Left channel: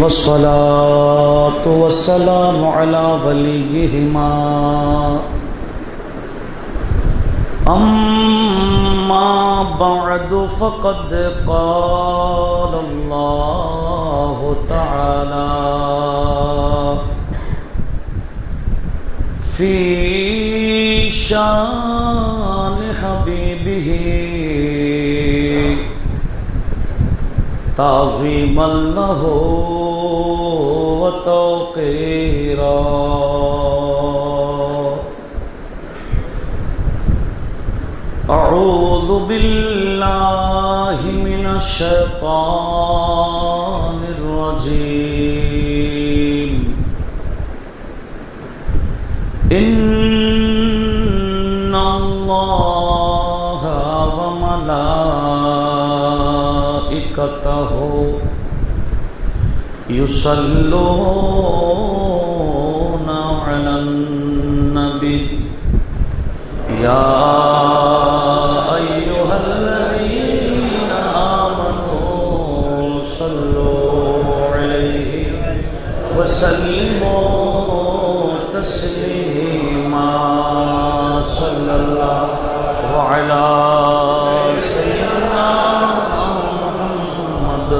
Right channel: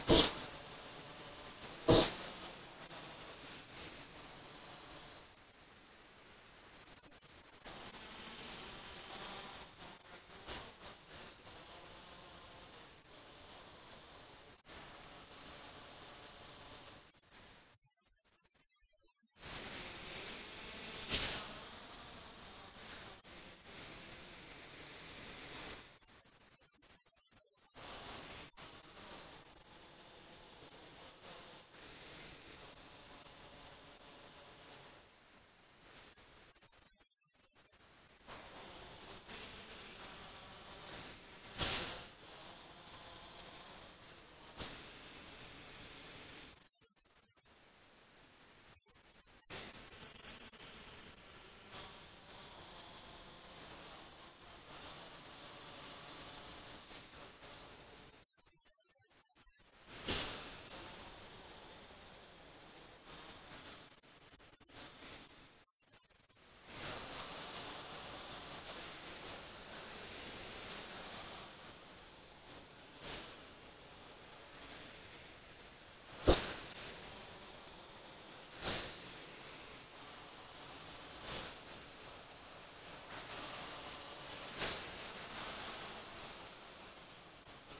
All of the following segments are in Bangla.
والصلاة والسلام على وليهما أما بعد فقد قال الله تعالى في شان حبيبه تعظيما له وتوقيرا أعوذ بالله من الشيطان الرجيم إن الله وملائكته يصلون على النبي يا أيها الذين آمنوا صلوا عليه وسلموا تسليما صلى الله على سيدنا محمد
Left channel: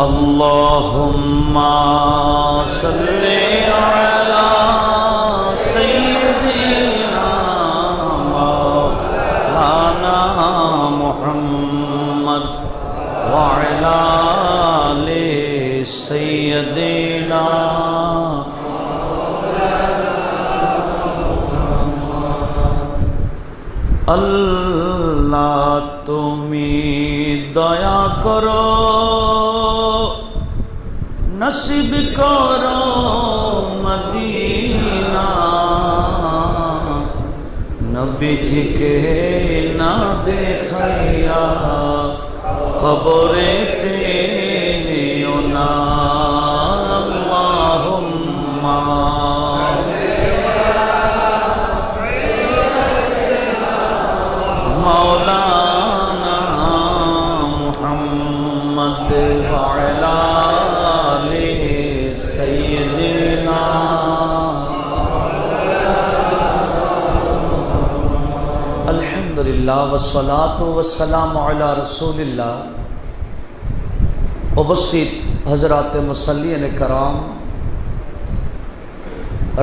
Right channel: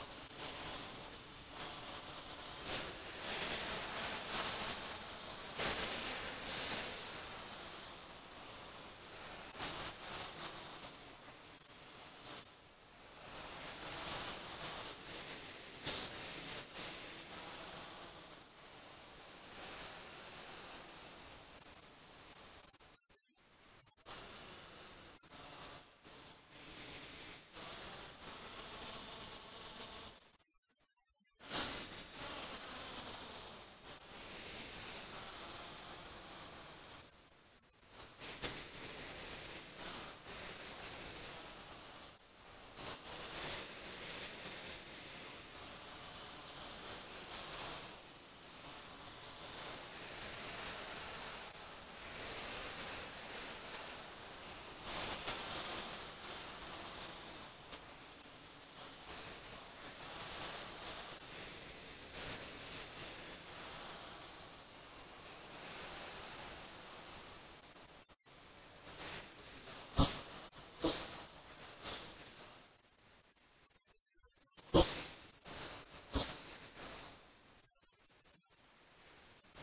اللهم صل على سيدنا مولانا محمد وعلى آل سيدنا আল্লাহ তুমি দয়া করো নসিব করো মদিনা নবীজিকে না দেখাইয়া কবরেতে নিও না আল্লাহুম্মা مولانا محمد وعلى آل سيدنا الحمد لله والصلاة والسلام على رسول الله উপস্থিত হযরত মুসল্লিন کرام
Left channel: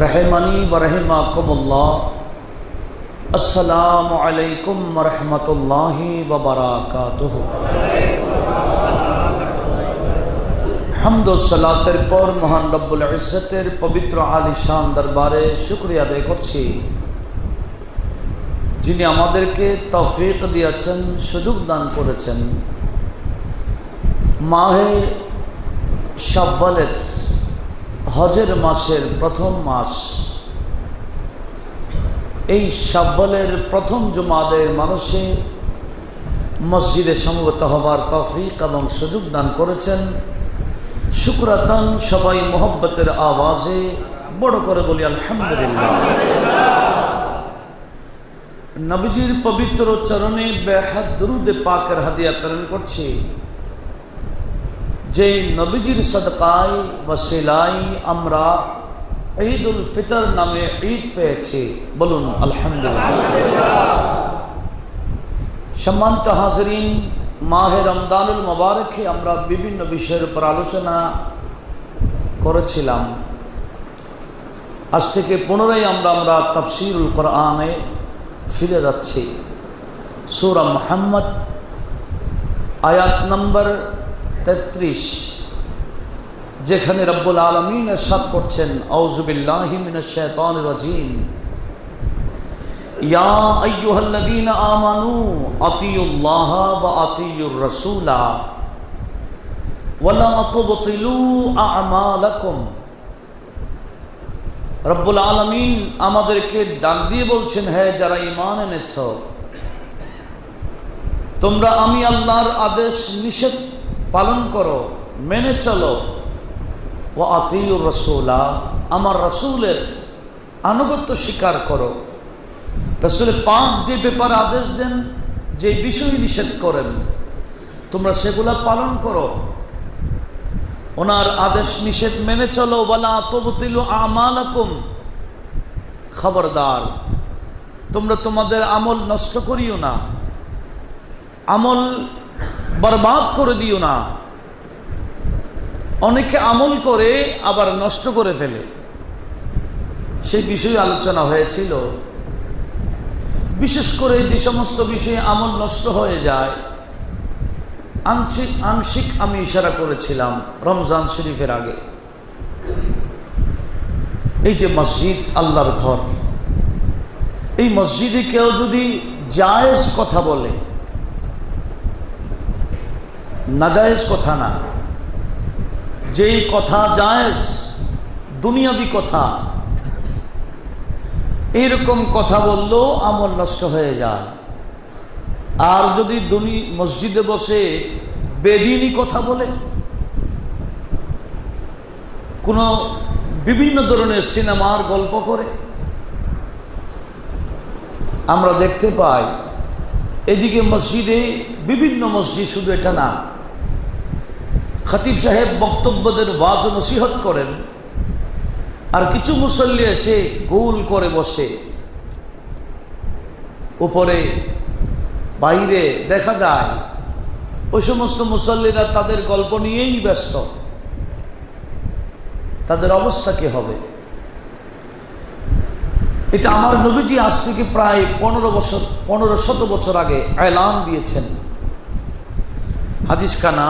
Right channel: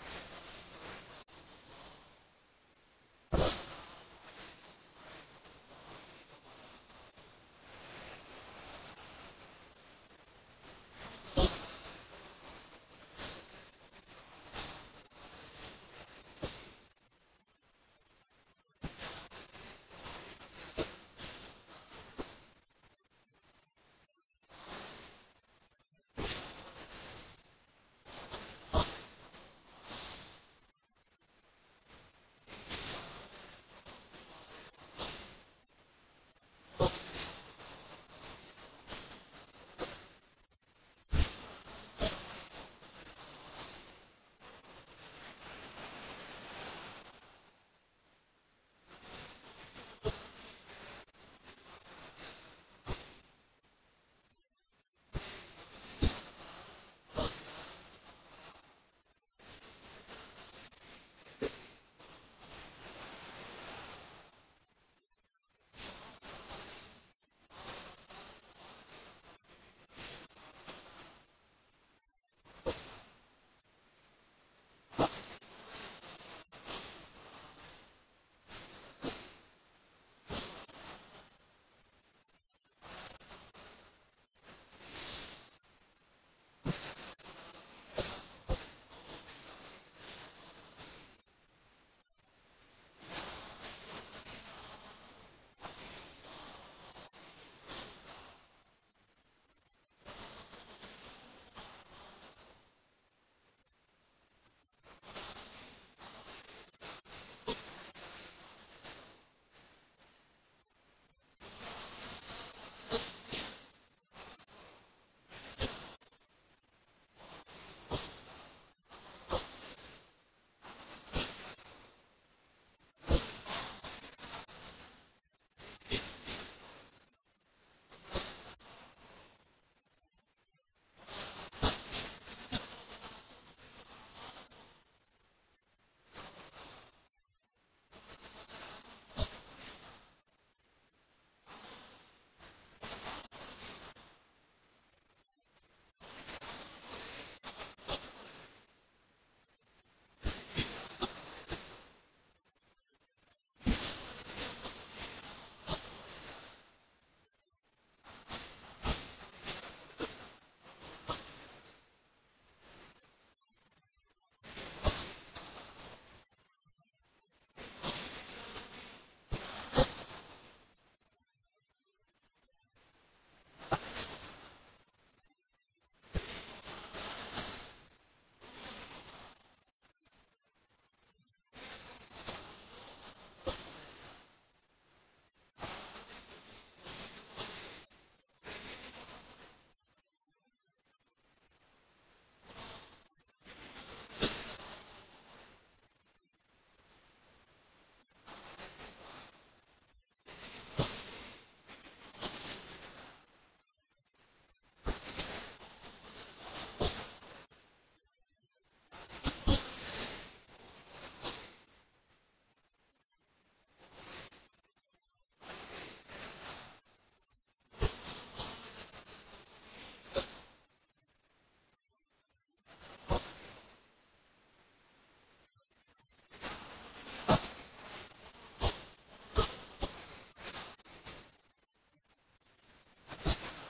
رحمني ورحمكم الله السلام علیکم ورحمۃ اللہ وبرکاتہ حمد و সালাতের পর মহান রব্বুল ইজ্জতের পবিত্র আলিশান দরবারে শুকরিয়া আদায় করছি যিনি আমাদেরকে তৌফিক দিয়েছেন সুযোগ দান করেছেন মাহে শাওয়ালের হজের মাসের প্রথম মাস এই শাওয়ালের প্রথম জুমাদের মানুষে মসজিদে সমবেত হওয়ার তৌফিক এবং সুযোগ দান করেছেন শুকরাতান সবাই মোহব্বতের আওয়াজে বড় করে বলি আলহামদুলিল্লাহ নবীজির পবিত্র চরণে বেহাত দরুদ পাকের হাদিয়া প্রেরণ করছি যে নবীজির সদকায় ওসিলায় আমরা ঈদুল ফিতর নামে ঈদ পেয়েছি বলুন আলহামদুলিল্লাহ সম্মানিত হাজিরিন মাহে রমজানুল মুবারকে আমরা বিভিন্ন বিষয়ের উপর আলোচনা করেছিলাম আজ থেকে পুনরায় আমরা তাফসীরুল কোরআনে ফিরে যাচ্ছি সূরা মুহাম্মদ আয়াত নম্বর 33 যেখানে রব্বুল আলামিন ইরশাদ করছেন আউযু বিল্লাহি মিনাশ শাইতানির রাজীম ইয়া আইয়ুহাল্লাযীনা আমানু আতিউল্লাহ ওয়া আতিউর রাসূলা ওয়া লা তুবতিলু আ'মালাকুম রব্বুল আলামিন আমাদেরকে ডাক দিয়ে বলছেন হে যারা ঈমান এনেছো তোমরা আমি আল্লাহর আদেশ নিষেধ পালন করো মেনে চলো ওয়া আতিউর রাসূলা আমার রাসূলের আনুগত্য স্বীকার করো। রাসূল পাক যে ব্যাপারে আদেশ দেন যে বিষয় নিষেধ করেন তোমরা সেগুলা পালন করো, ওনার আদেশ নিষেধ মেনে চলো। ওয়ালা তুবতিলু আমালাকুম, খবরদার তোমরা তোমাদের আমল নষ্ট করিও না, আমল বরবাদ করে দিও না। অনেকে আমল করে আবার নষ্ট করে ফেলে, সেই বিষয়ে আলোচনা হয়েছিল। বিশেষ করে যে সমস্ত বিষয়ে আমল নষ্ট হয়ে যায়, আংশিক আমি ইশারা করেছিলাম রমজান শরীফের আগে। এই যে মসজিদ আল্লাহর ঘর, এই মসজিদে কেউ যদি জায়েজ কথা বলে, নাজায়েজ কথা না, যেই কথা জায়েজ দুনিয়াবি কথা, এইরকম কথা বললেও আমল নষ্ট হয়ে যায়। আর যদি মসজিদে বসে বেদিনী কথা বলে, কোন বিভিন্ন ধরনের সিনেমার গল্প করে, আমরা দেখতে পাই এদিকে মসজিদে, বিভিন্ন মসজিদ, শুধু এটা না, খতিব সাহেব বক্তব্যদের ওয়াজ ও নসিহত করেন, আর কিছু মুসল্লি এসে গোল করে বসে। উপরে বাইরে দেখা যায় ওই সমস্ত মুসল্লিরা তাদের গল্প নিয়েই ব্যস্ত। তাদের অবস্থা কি হবে? এটা আমার নবীজি আজ থেকে প্রায় 1500 বছর আগে এলান দিয়েছেন। হাদিস খানা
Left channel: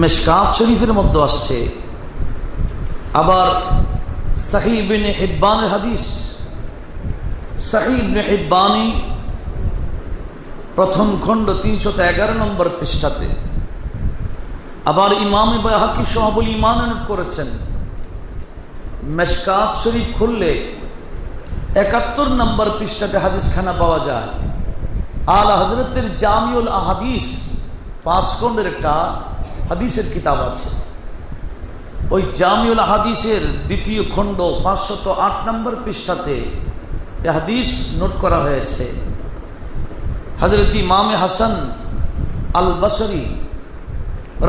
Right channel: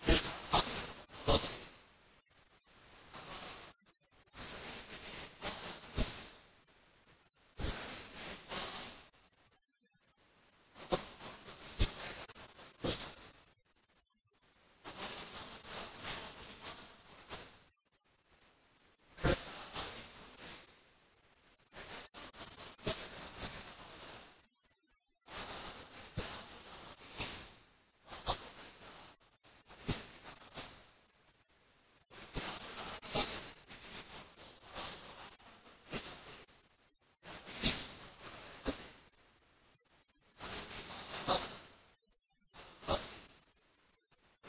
মিশকাত শরীফের মধ্যে আসছে, আবার সহিহ ইবনে হিব্বানের হাদিস, সহিহ ইবনে হিব্বানি প্রথম খণ্ড 311 নম্বর পৃষ্ঠাতে, আবার ইমাম বাইহাকি শাহুল ঈমান নোট করেছেন। মিশকাত শরীফ খুললে 71 নম্বর পৃষ্ঠাতে হাদিস খানা পাওয়া যায়। আলা হযরতের জামিউল আহাদিস 5 খণ্ডের একটা হাদিসের কিতাব আছে। ওই জামিউল হাদিসের 2য় খণ্ড 508 নম্বর পৃষ্ঠাতে এই হাদিস নোট করা হয়েছে। হযরত ইমাম হাসান আল বসরি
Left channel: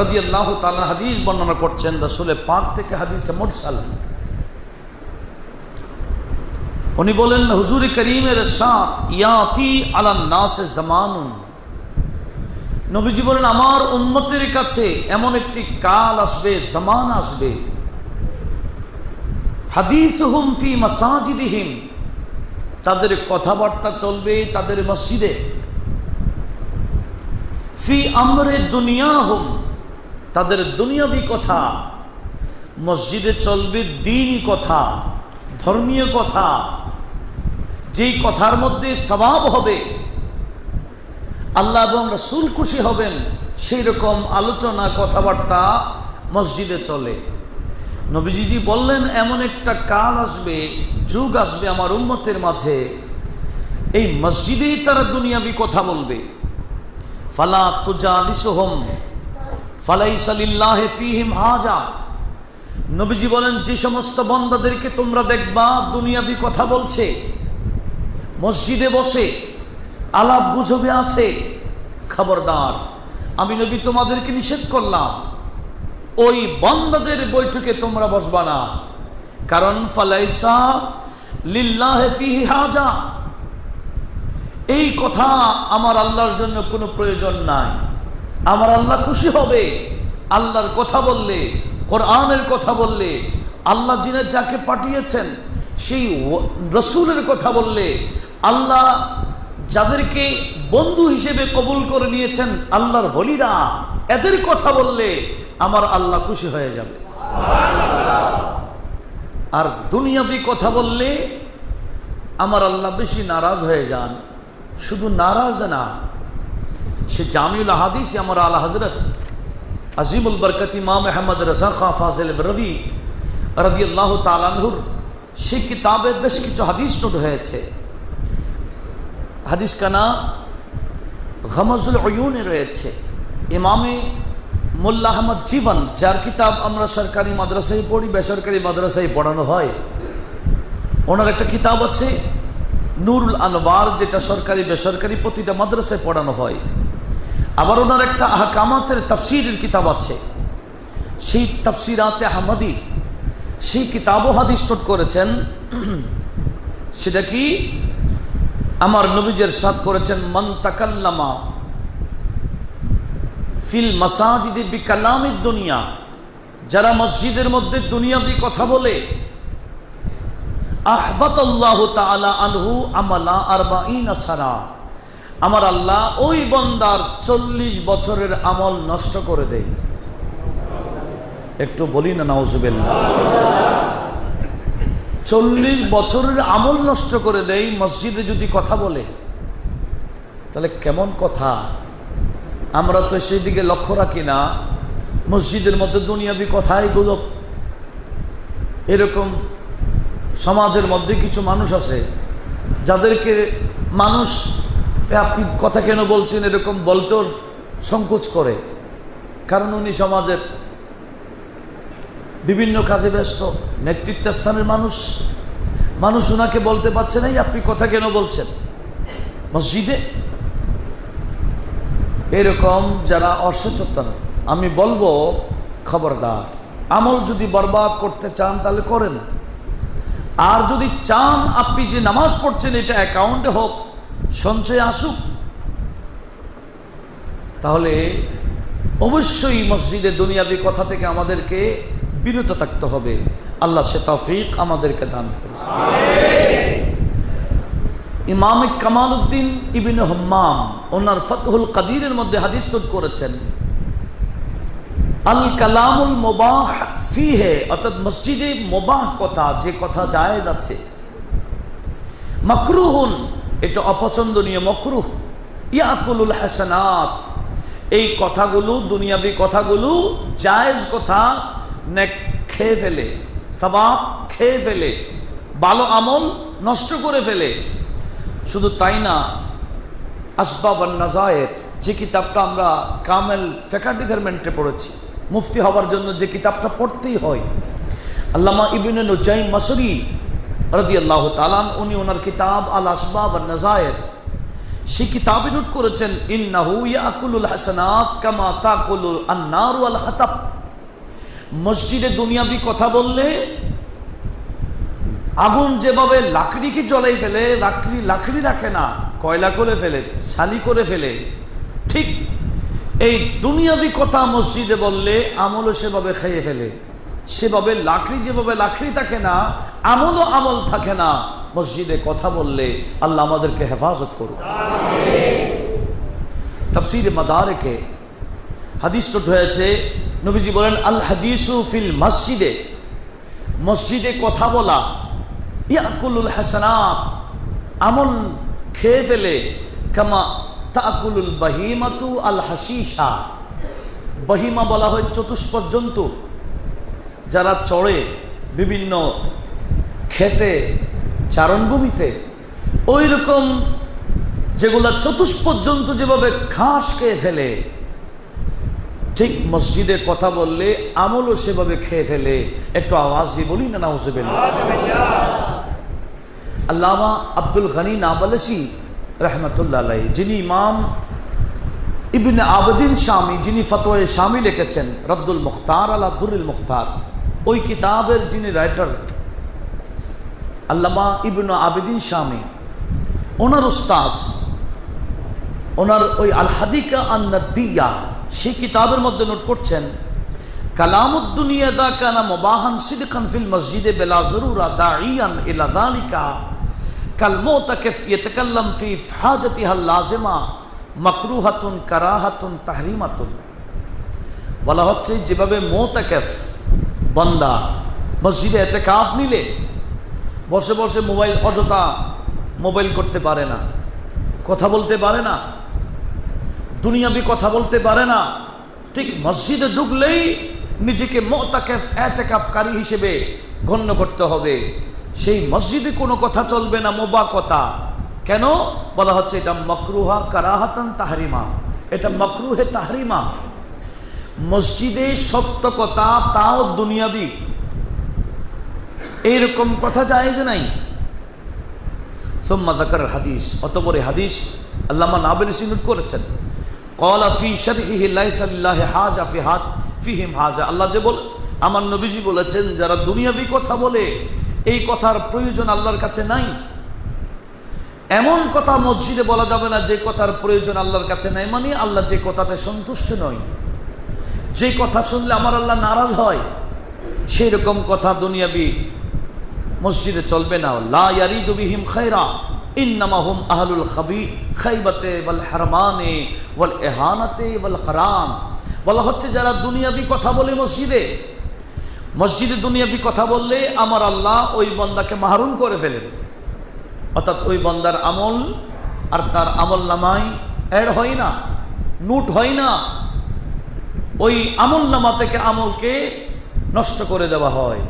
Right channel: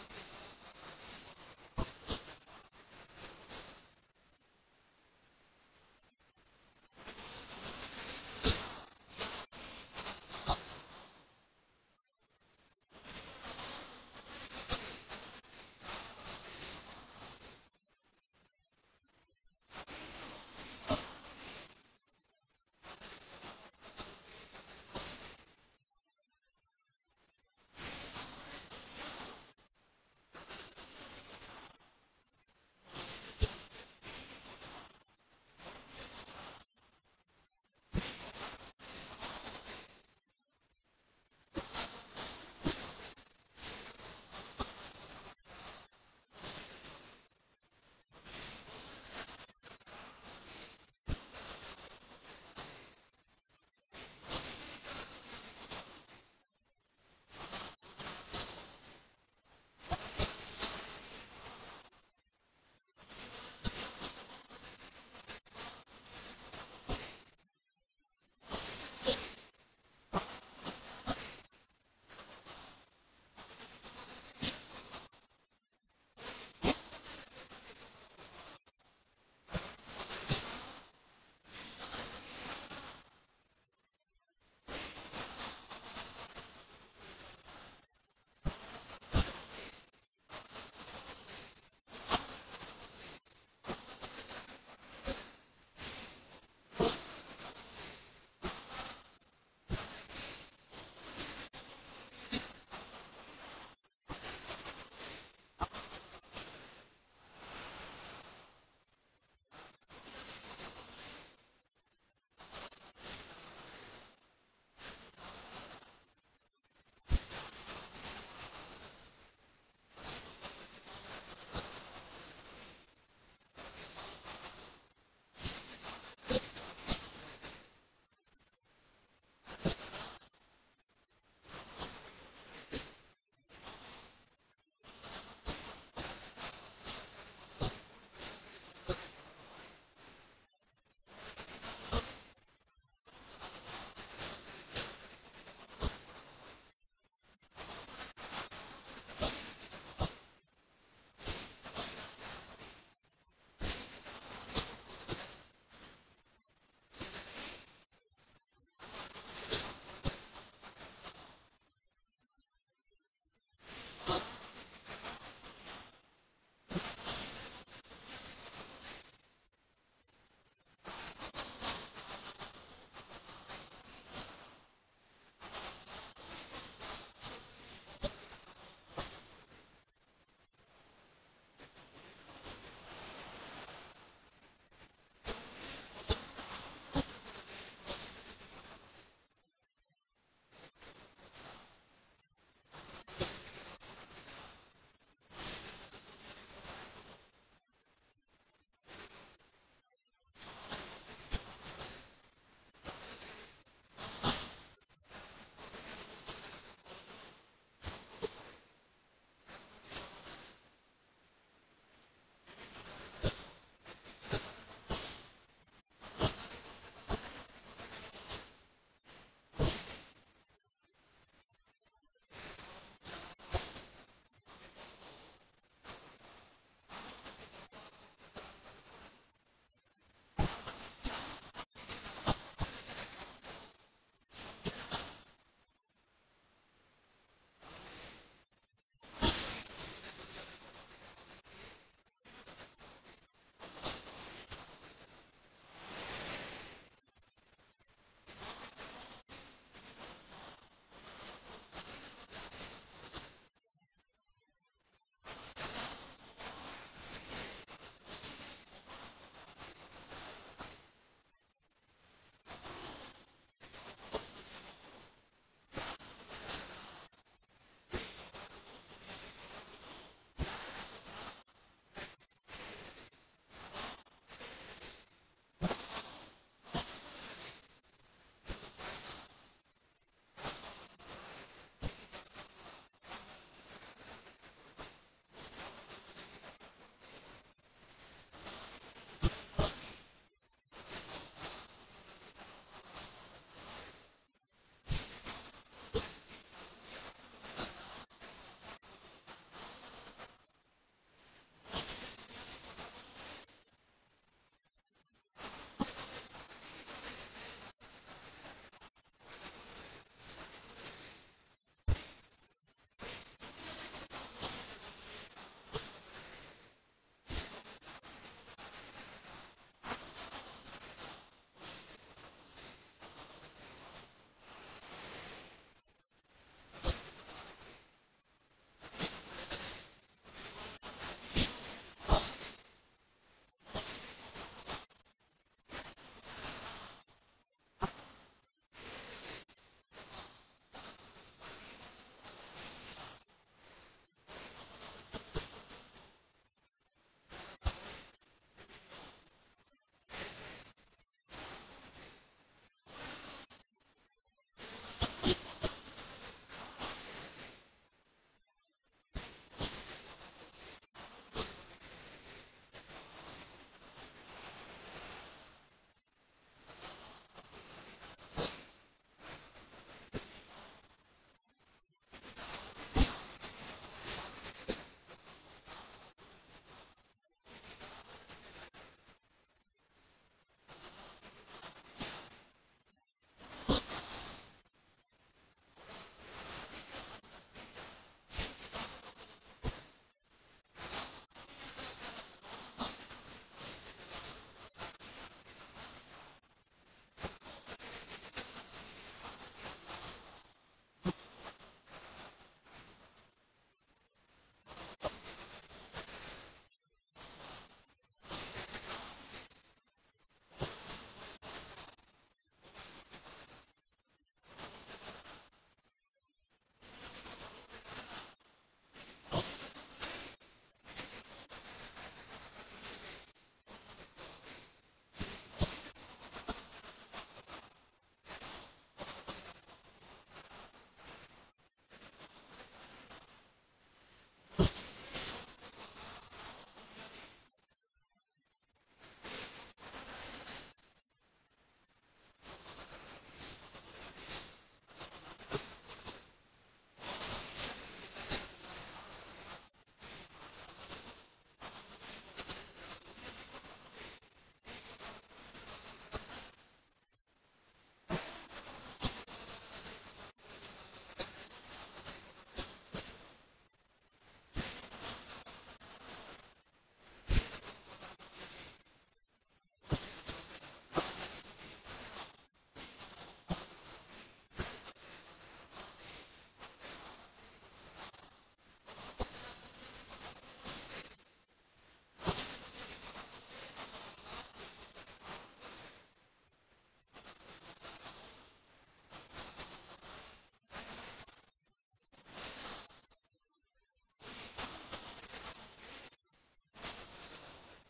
রাদিয়াল্লাহু তাআলা হাদিস বর্ণনা করছেন রাসূল পাক থেকে, হাদিসে মুরসাল। উনি বলেন হুজুর করিমের ইরশাদ, ইয়াতি আলান নাস জামানুন, নবীজি বলেন আমার উম্মতের কাছে এমন একটি কাল আসবে, জামান আসবে, হাদিসুহুম ফি মাসাজিদিহিম, তাদের কথাবার্তা চলবে তাদের মসজিদে, ফি আমরে দুনিয়াহুম, তাদের দুনিয়াবি কথা মসজিদে চলবে, দ্বীনি কথা, ধর্মীয় কথা, যেই কথার মধ্যে সওয়াব হবে, আল্লাহ এবং রাসূল খুশি হবেন, সেই রকম আলোচনা কথাবার্তা মসজিদে চলে। নবীজি বললেন এমন একটা কাল আসবে, যুগ আসবে আমার উম্মতের মাঝে, এই মসজিদেই তারা দুনিয়াবি কথা বলবে। ফালা তুজালিসুহুম ফালাইসা লিল্লাহি ফীহিম হাজা, নবীজি বলেন যে সমস্ত বান্দাদেরকে তোমরা দেখবা দুনিয়াবি কথা বলছে, মসজিদে বসে আলাপ গুজবে আছে, খবরদার আমি নবী তোমাদেরকে নিষেধ করলাম ওই বান্দাদের বৈঠকে তোমরা বসবা না। কারণ ফালাইসা লিল্লাহি ফীহি হাজা, এই কথা আমার আল্লাহর জন্য কোনো প্রয়োজন নাই। আমার আল্লাহ খুশি হবে আল্লাহর কথা বললে, কোরআনের কথা বললে, আল্লাহ যিনি যাকে পাঠিয়েছেন সেই রাসূলের কথা বললে, আল্লাহ যাদেরকে বন্ধু হিসেবে কবুল করে নিয়েছেন আল্লাহর ওলিরা, এদের কথা বললে আমার আল্লাহ খুশি হয়ে যাবে। আর দুনিয়াবি কথা বললে আমার আল্লাহ বেশি নারাজ হয়ে যান। শুধু নারাজ না, সে জামিউল হাদিস আমার আলা হযরত আজিমুল বরকত ইমাম আহমদ রাজা খান ফাজিল রবি রাদিয়াল্লাহু তাআলা আনহুর সেই কিতাবে বেশ কিছু হাদিস নোট হয়েছে। হাদিস কানা গমাজুল উয়ুনে রয়েছে। ইমামে মোল্লা আহমদ জীবন, যার কিতাব আমরা সরকারি মাদ্রাসায় পড়ি, বেসরকারি মাদ্রাসায় পড়ানো হয়, ওনার একটা কিতাব আছে নুরুল আনওয়ার, যেটা সরকারি বেসরকারি প্রতিটা মাদ্রাসায় পড়ানো হয়। আবার ওনার একটা আহকামাতের তাফসীরের কিতাব আছে, সেই তাফসীরাতে আহমদী, সেই কিতাবও হাদিস নোট করেছেন। সেটা কি? আমার নবীজি ইরশাদ করেছেন, মান তাকাল্লামা ফিল মাসাজিদি বিকালামিদ দুনিয়া, যারা মসজিদের মধ্যে দুনিয়াবি কথা বলে, আহবাতাল্লাহু তাআলা আনহু আমালা 40 সানা, আমার আল্লাহ ওই বান্দার 40 বছরের আমল নষ্ট করে দেয়। একটু বলি না নাউজুবিল্লাহ। 40 বছরের আমল নষ্ট করে দেয় মসজিদে যদি কথা বলে। তাহলে কেমন কথা? আমরা তো সেই দিকে লক্ষ্য রাখি না। মসজিদের মধ্যে দুনিয়াবি কথাই গুলো। এরকম সমাজের মধ্যে কিছু মানুষ আছে যাদেরকে মানুষ আপনি কথা কেন বলছেন এরকম বলতেও সংকোচ করে, কারণ উনি সমাজের বিভিন্ন কাজে ব্যস্ত, নেতৃত্ব স্থানের মানুষ। মানুষ ওনাকে বলতে পারছে না আপনি কথা কেন বলছেন মসজিদে। এরকম যারা অসচেতন, আমি বলবো খবরদার। আমল যদি বরবাদ করতে চান তাহলে করেন, আর যদি চান আপনি যে নামাজ পড়ছেন এটা অ্যাকাউন্টে হোক, সঞ্চয় আসুক, তাহলে অবশ্যই মসজিদে দুনিয়াবি কথা থেকে আমাদেরকে বিরত থাকতে হবে। আল্লাহ সে তৌফিক আমাদেরকে দান করুন। ইমাম কামালউদ্দিন ইবনে হাম্মাম ওনার ফাতহুল কাদিরের মধ্যে হাদিস তুল করেছেন, আল কালামুল মুবাহ ফিহে, অর্থাৎ মসজিদে মুবাহ কথা, যে কথা জায়েজ আছে, মাকরুহুন, এটা অপছন্দনীয়, মাকরুহ, ইয়াকুলুল হাসানাত, এই কথাগুলো দুনিয়াবি কথাগুলো জায়েজ কথা নেক খেয়ে ফেলে, সওয়াব খেয়ে ফেলে, ভালো আমল নষ্ট করে ফেলে। শুধু তাই না, আসবাব আন নাজায়ের, যে কিতাবটা আমরা কামেল ফিকহ ডিপার্টমেন্টে পড়েছি, মুফতি হওয়ার জন্য যে কিতাবটা পড়তেই হয়, আল্লামা ইবনে নুজাইম মাসরি রাদিয়াল্লাহু তাআলা উনি ওনার কিতাব আল আসবাব আন নাজায়ের, সেই কিতাবে নোট করেছেন, ইন্নাহু ইয়াকুলুল হাসানাত কামা তাকুলুল আন-নার ওয়াল হাতাব, মসজিদে দুনিয়াবি কথা বললে আগুন যেভাবে লাকড়িকে জ্বলাই ফেলে, লাকড়ি রাখে না, কয়লা করে ফেলে, ছালি করে ফেলে, ঠিক এই দুনিয়াবি কথা মসজিদে বললে আমলও সেভাবে খেয়ে ফেলে। সেভাবে লাকড়ি যেভাবে লাকড়ি থাকে না, আমলও আমল থাকে না মসজিদে কথা বললে। আল্লাহ আমাদেরকে হেফাজত করুন। তাফসীর মাদারিকে হাদিস নোট হয়েছে, নবীজি বলেন, আল হাদিসু ফিল মসজিদে, মসজিদে কথা বলা, ইয়াকুলুল হাসানাত, আমল খেয়ে ফেলে, কামা তাকুলুল বাহিমাতু আল হাসিসা, বাহিমা বলা হয় চতুষ্পদ জন্তু, যারা চড়ে বিভিন্ন খেতে, চারণভূমিতে, ওই রকম যেগুলা চতুষ্পদ জন্তু যেভাবে ঘাস খেয়ে ফেলে, ঠিক মসজিদে কথা বললে আমলও সেভাবে খেয়ে ফেলে। একটু আওয়াজ দিয়ে বলি না নাউজুবিল্লাহ। আল্লামা আব্দুল গনি নাবলসি রহমতুল্লাহ আলাইহি, যিনি ইমাম ইবনে আবদিন শামী, যিনি ফতোয়া শামী লিখেছেন রদ্দুল মুখতার আলা দুরুল মুখতার, ওই কিতাবের যিনি রাইটার আল্লামা ইবনে আবদিন শামী, ওনার উস্তাদ, ওনার ওই আল হাদিকা আন নাদিয়া, সেই কিতাবের মধ্যে নোট করছেন, কালামুদ দুনিয়া দা কানা মুবাহান সিদকান ফিল মসজিদে বিলা যরুরা দাঈয়ান ইলা যালিকা কাল মুতাকিফ ইয়াতাকাল্লাম ফি হাজাতিহা লাযিমা মাকরুহাতুন কারাহাতুন তাহরিমাতুন। বলা হচ্ছে যেভাবে মুতাকিফ বান্দা মসজিদে ইতিকাফ নিলে বসে বসে মোবাইল, অযথা মোবাইল করতে পারে না, কথা বলতে পারে না, দুনিয়াবি কথা বলতে পারে না, ঠিক মসজিদে ঢুকলেই নিজেকে মুতাকিফ ইতিকাফকারী হিসেবে গণ্য করতে হবে। সেই মসজিদে কোনো কথা চলবে না, মুবাহ কথা। কেন বলা হচ্ছে? এটা মাকরুহা কারাহাতান তাহরিমা, এটা মাকরুহে তাহরিমা। মসজিদে সত্য কথা, তাও দুনিয়াবি, এইরকম কথা জায়েজ নাই। সুম্মা যাকার হাদিস, অতঃপর হাদিস আল্লামা নাবলসি নোট করেছেন, ক্বালা ফি শারহিহি লাইসা লিল্লাহি হাজা ফিহিম হাজা। আল্লাহ যে বলে, আমার নবীজি বলেছেন, যারা দুনিয়াবি কথা বলে এই কথার প্রয়োজন আল্লাহর কাছে নাই। এমন কথা মসজিদে বলা যাবে না যে কথার প্রয়োজন আল্লাহর কাছে নাই, মানে আল্লাহ যে কথাতে সন্তুষ্ট নয়, যে কথা শুনলে আমার আল্লাহ নারাজ হয়, সেই রকম কথা দুনিয়াবি মসজিদে চলবে না। লা ইয়ারিদু বিহিম খায়রা ইন্নামা হুম আহলুল খাইবাতে ওয়াল হারমানে ওয়াল ইহানাতে ওয়াল হারাম। বলা হচ্ছে যারা দুনিয়াবি কথা বলে মসজিদে দুনিয়াবি কথা বললে আমার আল্লাহ ওই বান্দাকে মাহরুম করে ফেলেন, অর্থাৎ ওই বান্দার আমল আর তার আমল নামায় অ্যাড হয় না, নোট হয় না, ওই আমল নামা থেকে আমলকে নষ্ট করে দেওয়া হয়।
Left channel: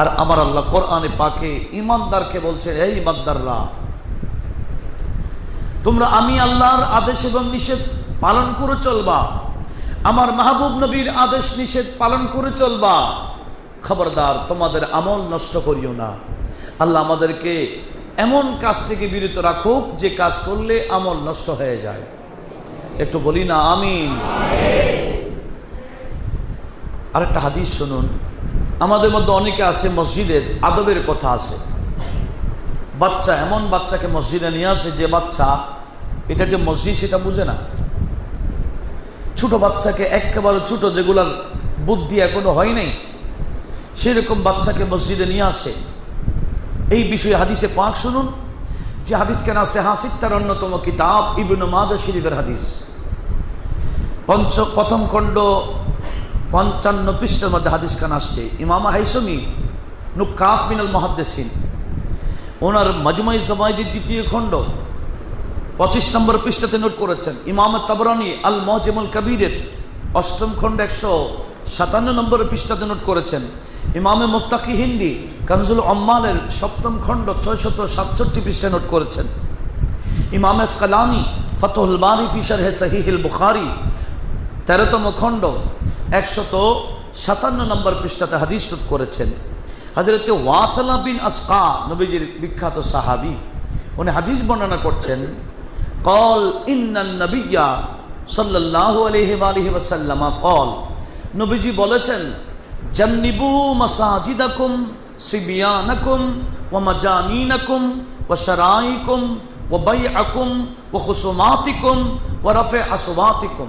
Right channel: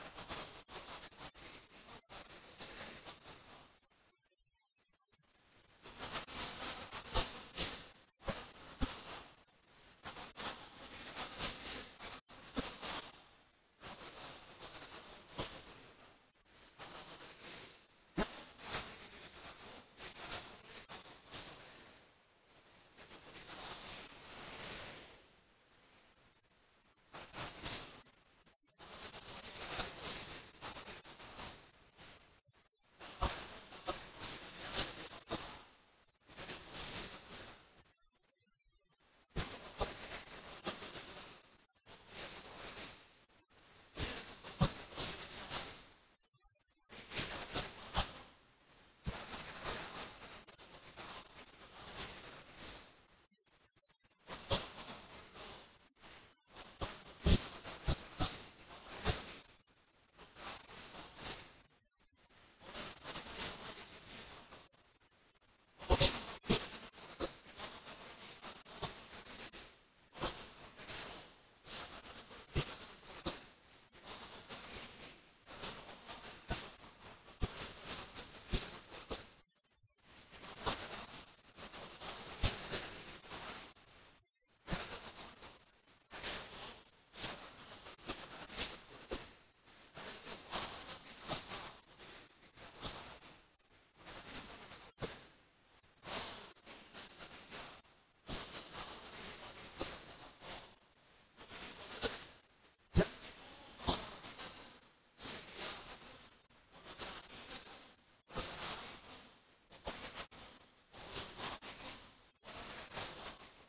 আর আমার আল্লাহ কোরআনে পাকে ঈমানদারকে বলছে, এই ঈমানদাররা, তোমরা আমি আল্লাহর আদেশ এবং নিষেধ পালন করে চলবা, আমার মাহবুব নবীর আদেশ নিষেধ পালন করে চলবা, খবরদার তোমাদের আমল নষ্ট করিও না। আল্লাহ আমাদেরকে এমন কাজ থেকে বিরত রাখুক যে কাজ করলে আমল নষ্ট হয়ে যায়। একটু বলি না আমিন। আরেকটা হাদিস শুনুন। আমাদের মধ্যে অনেকে আছে মসজিদের আদবের কথা আছে, বাচ্চা এমন বাচ্চাকে মসজিদে নিয়ে আসে যে বাচ্চা এটা যে মসজিদ সেটা বুঝে না। ছোট বাচ্চাকে, একেবারে ছোট, যেগুলার বুদ্ধি এখনো হয় নাই, সেরকম বাচ্চাকে মসজিদে নিয়ে আসে। এই বিষয়ে হাদিসে পাক শুনুন, যে হাদিস কেন আছে হাসিত্তার অন্যতম কিতাব ইবনে মাজাহ শরীফের হাদিস, প্রথম খণ্ড 55 পৃষ্ঠার মধ্যে হাদিস খান আসছে। ইমাম হাইসমি নুকাত মিনাল মুহাদ্দিসিন, ওনার মাজমুই জাওয়াইদের দ্বিতীয় খণ্ড 25 নম্বর পৃষ্ঠাতে নোট করেছেন। ইমাম তাবরানী আল মুআজামুল কবীরের 8ম খণ্ড 157 নম্বর পৃষ্ঠাতে নোট করেছেন। ইমামে মুত্তাকি হিন্দি কানজুল উম্মালের 7ম খণ্ড 667 পৃষ্ঠায় নোট করেছেন। ইমাম আসকালানি ফাতহুল বারি ফি শারহ সহিহুল বুখারী 13তম খণ্ড 157 নম্বর পৃষ্ঠাতে হাদিস নোট করেছেন। হযরত ওয়াসিলা বিন আসকা, নবীজির বিখ্যাত সাহাবী, উনি হাদিস বর্ণনা করছেন, قال ان النبي صلى الله عليه واله وسلم قال, নবীজি বলেছেন, জান্নিবু মাসাজিদাকুম সিবিয়ানাকুম ওয়া মাজানিনাকুম ওয়া শারাইকুম ওয়া বাইআকুম ওয়া খুসুমাতিকুম ওয়া রাফা আসওয়াতিকুম।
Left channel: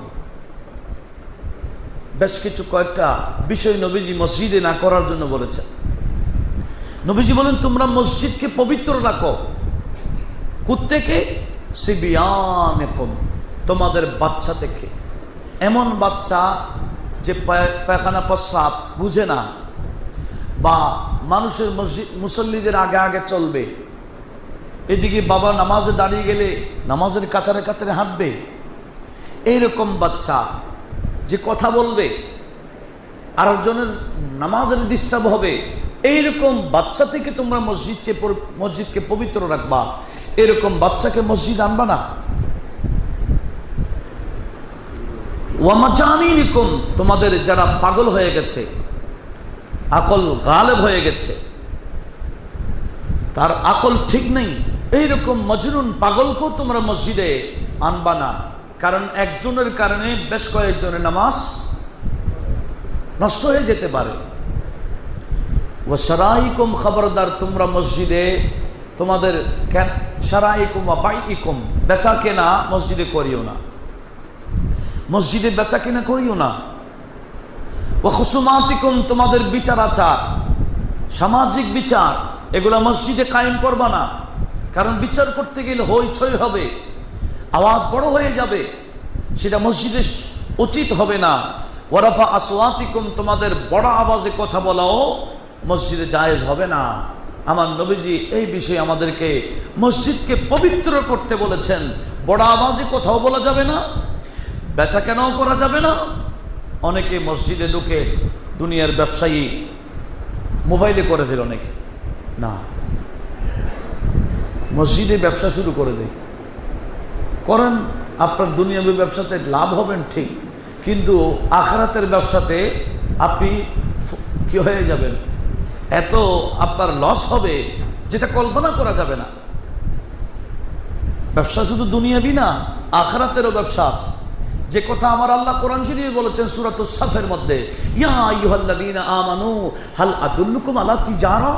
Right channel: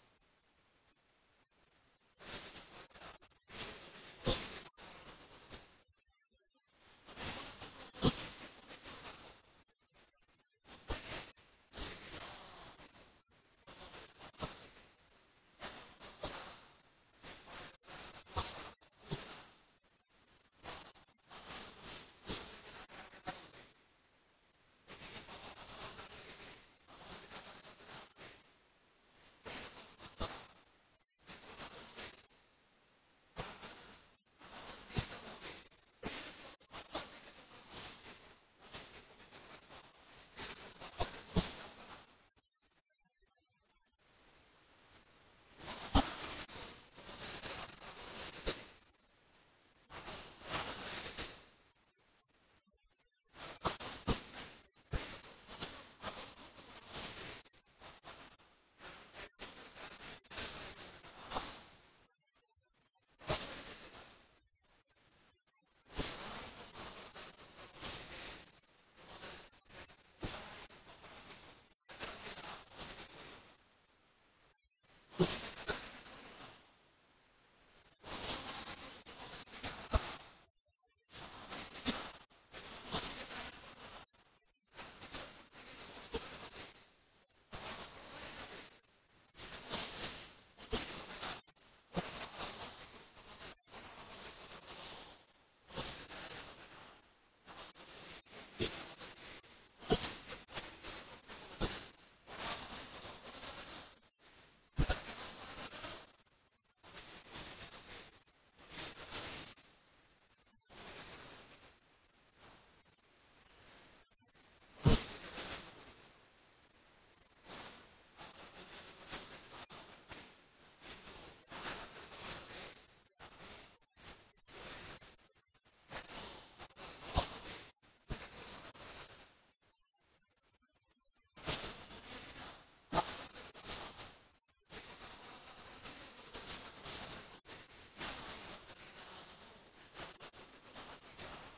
বেশ কিছু কয়েকটা বিষয় নবীজি মসজিদে না করার জন্য বলেছেন। নবীজি বলেন, তোমরা মসজিদকে পবিত্র রাখো। কোত্থেকে? সিবিয়ানাকুম, তোমাদের বাচ্চা থেকে। এমন বাচ্চা যে পায়খানা প্রস্রাব বুঝে না, বা মানুষের মুসল্লিদের আগে আগে চলবে, এদিকে বাবা নামাজে দাঁড়িয়ে গেলে নামাজের কাতারে কাতারে হাঁটবে, এইরকম বাচ্চা যে কথা বলবে, আরেকজনের নামাজের ডিস্টার্ব হবে, এইরকম বাচ্চা থেকে তোমরা মসজিদকে পবিত্র রাখবা। এরকম বাচ্চাকে মসজিদ আনবা না। ওয়ামাজানিনিকুম, তোমাদের যারা পাগল হয়ে গেছে, আকল গালেব হয়ে গেছে, তার আকল ঠিক নেই, এইরকম মজনুন পাগলকেও তোমরা মসজিদে আনবা না, কারণ একজনের কারণে বেশ কয়েকজনের নামাজ নষ্ট হয়ে যেতে পারে। ওয়া শারাইকুম, খবরদার তোমরা মসজিদে তোমাদের শারাইকুম ওয়া বাইইকুম, বেচা কেনা মসজিদে করিও না, মসজিদে বেচা কেনা করিও না। ওয়া খুসুমাতিকুম, তোমাদের বিচার আচার, সামাজিক বিচার, এগুলা মসজিদে কায়েম করবা না, কারণ বিচার করতে গেলে হইচই হবে, আওয়াজ বড় হয়ে যাবে, সেটা মসজিদে উচিত হবে না। ওয়া রাফা আসওয়াতিকুম, তোমাদের বড় আওয়াজে কথা বলাও মসজিদে জায়েজ হবে না। আমার নবীজি এই বিষয়ে আমাদেরকে মসজিদকে পবিত্র করতে বলেছেন। বড় আওয়াজে কথাও বলা যাবে না, বেচা কেনাও করা যাবে না। অনেকে মসজিদে ঢুকে দুনিয়ার ব্যবসায়ী মোবাইলে করে ফেলে, অনেকে না, মসজিদে ব্যবসা শুরু করে দেয়। করেন, আপনার দুনিয়াবী ব্যবসাতে লাভ হবেন ঠিক, কিন্তু আখিরাতের ব্যবসাতে আপনি কি হয়ে যাবেন, এত আপনার লস হবে যেটা কল্পনা করা যাবে না। ব্যবসা শুধু দুনিয়াবি না, আখিরাতেরও ব্যবসা আছে। যে কথা আমার আল্লাহ কোরআন শরীফে বলেছেন সূরাতুস সাফের মধ্যে, ইয়া আইয়ুহাল্লাযীনা আমানু হাল আদুল্লুকুম আলা তিজারা,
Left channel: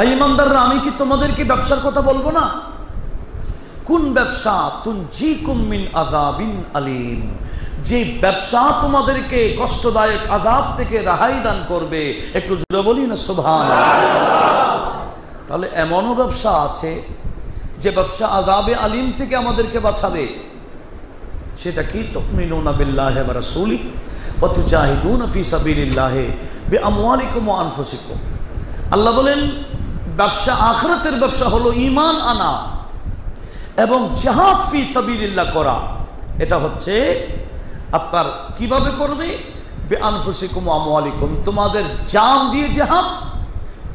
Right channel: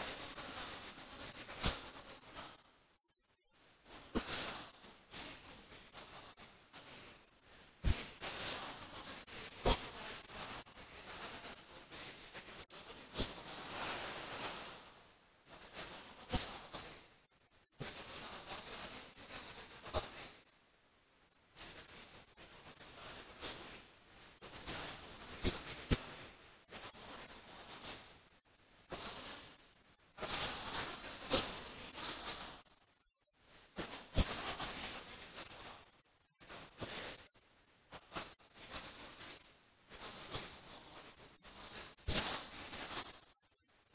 এই ঈমানদাররা আমি কি তোমাদেরকে ব্যবসার কথা বলবো না? কোন ব্যবসা? তুনজিকুম মিন আযাবিন আলীম, যে ব্যবসা তোমাদেরকে কষ্টদায়ক আযাব থেকে রেহাই দান করবে। একটু জোরে বলি না সুবহানাল্লাহ। তাহলে এমনও ব্যবসা আছে যে ব্যবসা আযাবে আলীম থেকে আমাদেরকে বাঁচাবে। সেটা কি? তুমিনুনা বিল্লাহি ওয়া রাসূলিহি ওয়া তুজাহিদুনা ফি সাবিলিল্লাহি বিআমওয়ালিকুম ওয়া আনফুসিকুম। আল্লাহ বলেন ব্যবসা, আখিরাতের ব্যবসা হলো ঈমান আনা এবং জিহাদ ফি সাবিলিল্লাহ করা। এটা হচ্ছে আপনার কিভাবে করবে? বিআনফুসিকুম ওয়া আমওয়ালিকুম, তোমাদের জান দিয়ে জিহাদ,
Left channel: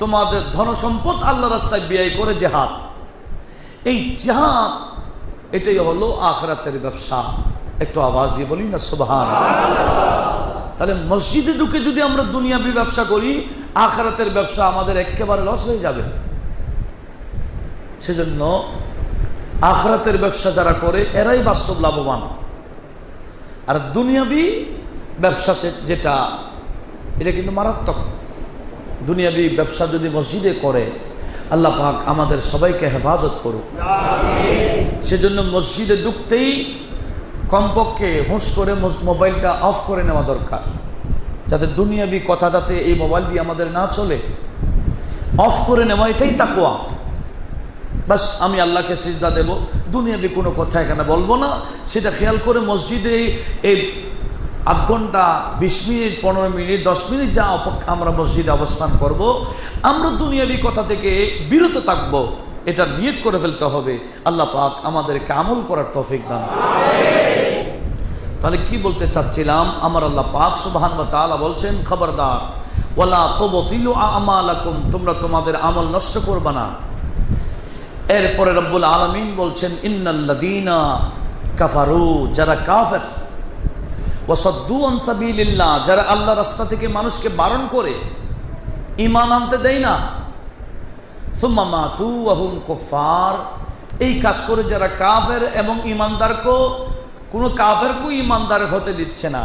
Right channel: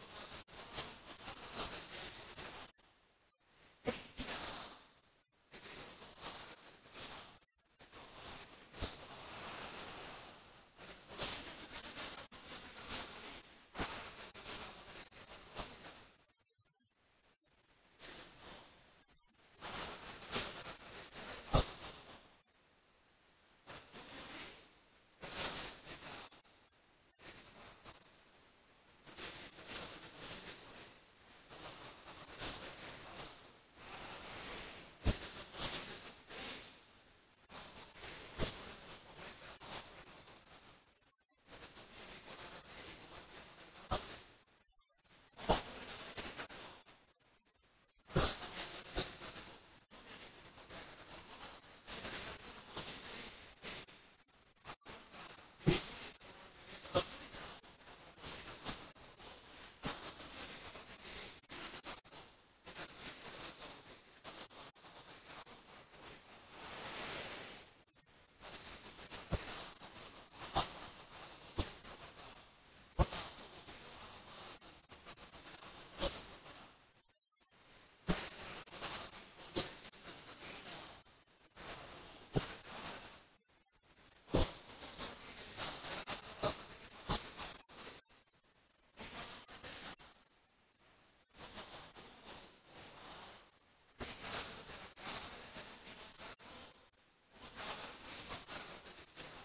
তোমাদের ধন সম্পদ আল্লাহর রাস্তায় ব্যয় করে জিহাদ। এই জিহাদ এটাই হলো আখিরাতের ব্যবসা। একটু আওয়াজ দিয়ে বলি না সুবহানাল্লাহ। তাহলে মসজিদে ঢুকে যদি আমরা দুনিয়াবি ব্যবসা করি, আখিরাতের ব্যবসা আমাদের একেবারে লস হয়ে যাবে। সেজন্য আখিরাতের ব্যবসা যারা করে এরাই বাস্তব লাভবান। আর দুনিয়াবি ব্যবসা যেটা, এটা কিন্তু মারাত্মক। দুনিয়াবি ব্যবসা যদি মসজিদে করে, আল্লাহ পাক আমাদের সবাইকে হেফাজত করুক। সেজন্য মসজিদে ঢুকতেই কমপক্ষে হুঁশ করে মোবাইলটা অফ করে নেওয়া দরকার, যাতে দুনিয়াবি কথা যাতে এই মোবাইল দিয়ে আমাদের না চলে। অফ করে নেওয়া, এটাই তাকওয়া। বাস আমি আল্লাহকে সিজদা দেব, দুনিয়াবি কোনো কথা এখানে বলবো না, সেটা খেয়াল করে মসজিদে এই আধ ঘন্টা 20 মিনিট 15 মিনিট 10 মিনিট যা আমরা মসজিদে অবস্থান করব, আমরা দুনিয়াবি কথা থেকে বিরত থাকবো, এটা নিয়ত করে ফেলতে হবে। আল্লাহ পাক আমাদেরকে আমল করার তৌফিক দান। তাহলে কি বলতে চাচ্ছিলাম? আমার আল্লাহ পাক সুবহানাহু ওয়া তাআলা বলছেন, খবরদার ওয়ালা তুবতিলু আমালাকুম, তোমরা তোমাদের আমল নষ্ট করবে না। এরপরে রব্বুল আলামিন বলছেন, ইন্নাল্লাযীনা কাফারু, যারা কাফের, ওয়াসাদ্দু আন সাবিলিল্লাহ, যারা আল্লাহর রাস্তা থেকে মানুষকে বারণ করে, ঈমান আনতে দেয় না, সুম্মা মাতু ওয়া হুম কুফার, এই কাজ করে যারা কাফের এবং ঈমানদারকে, কোনো কাফেরকে ঈমানদার হতে দিচ্ছে না,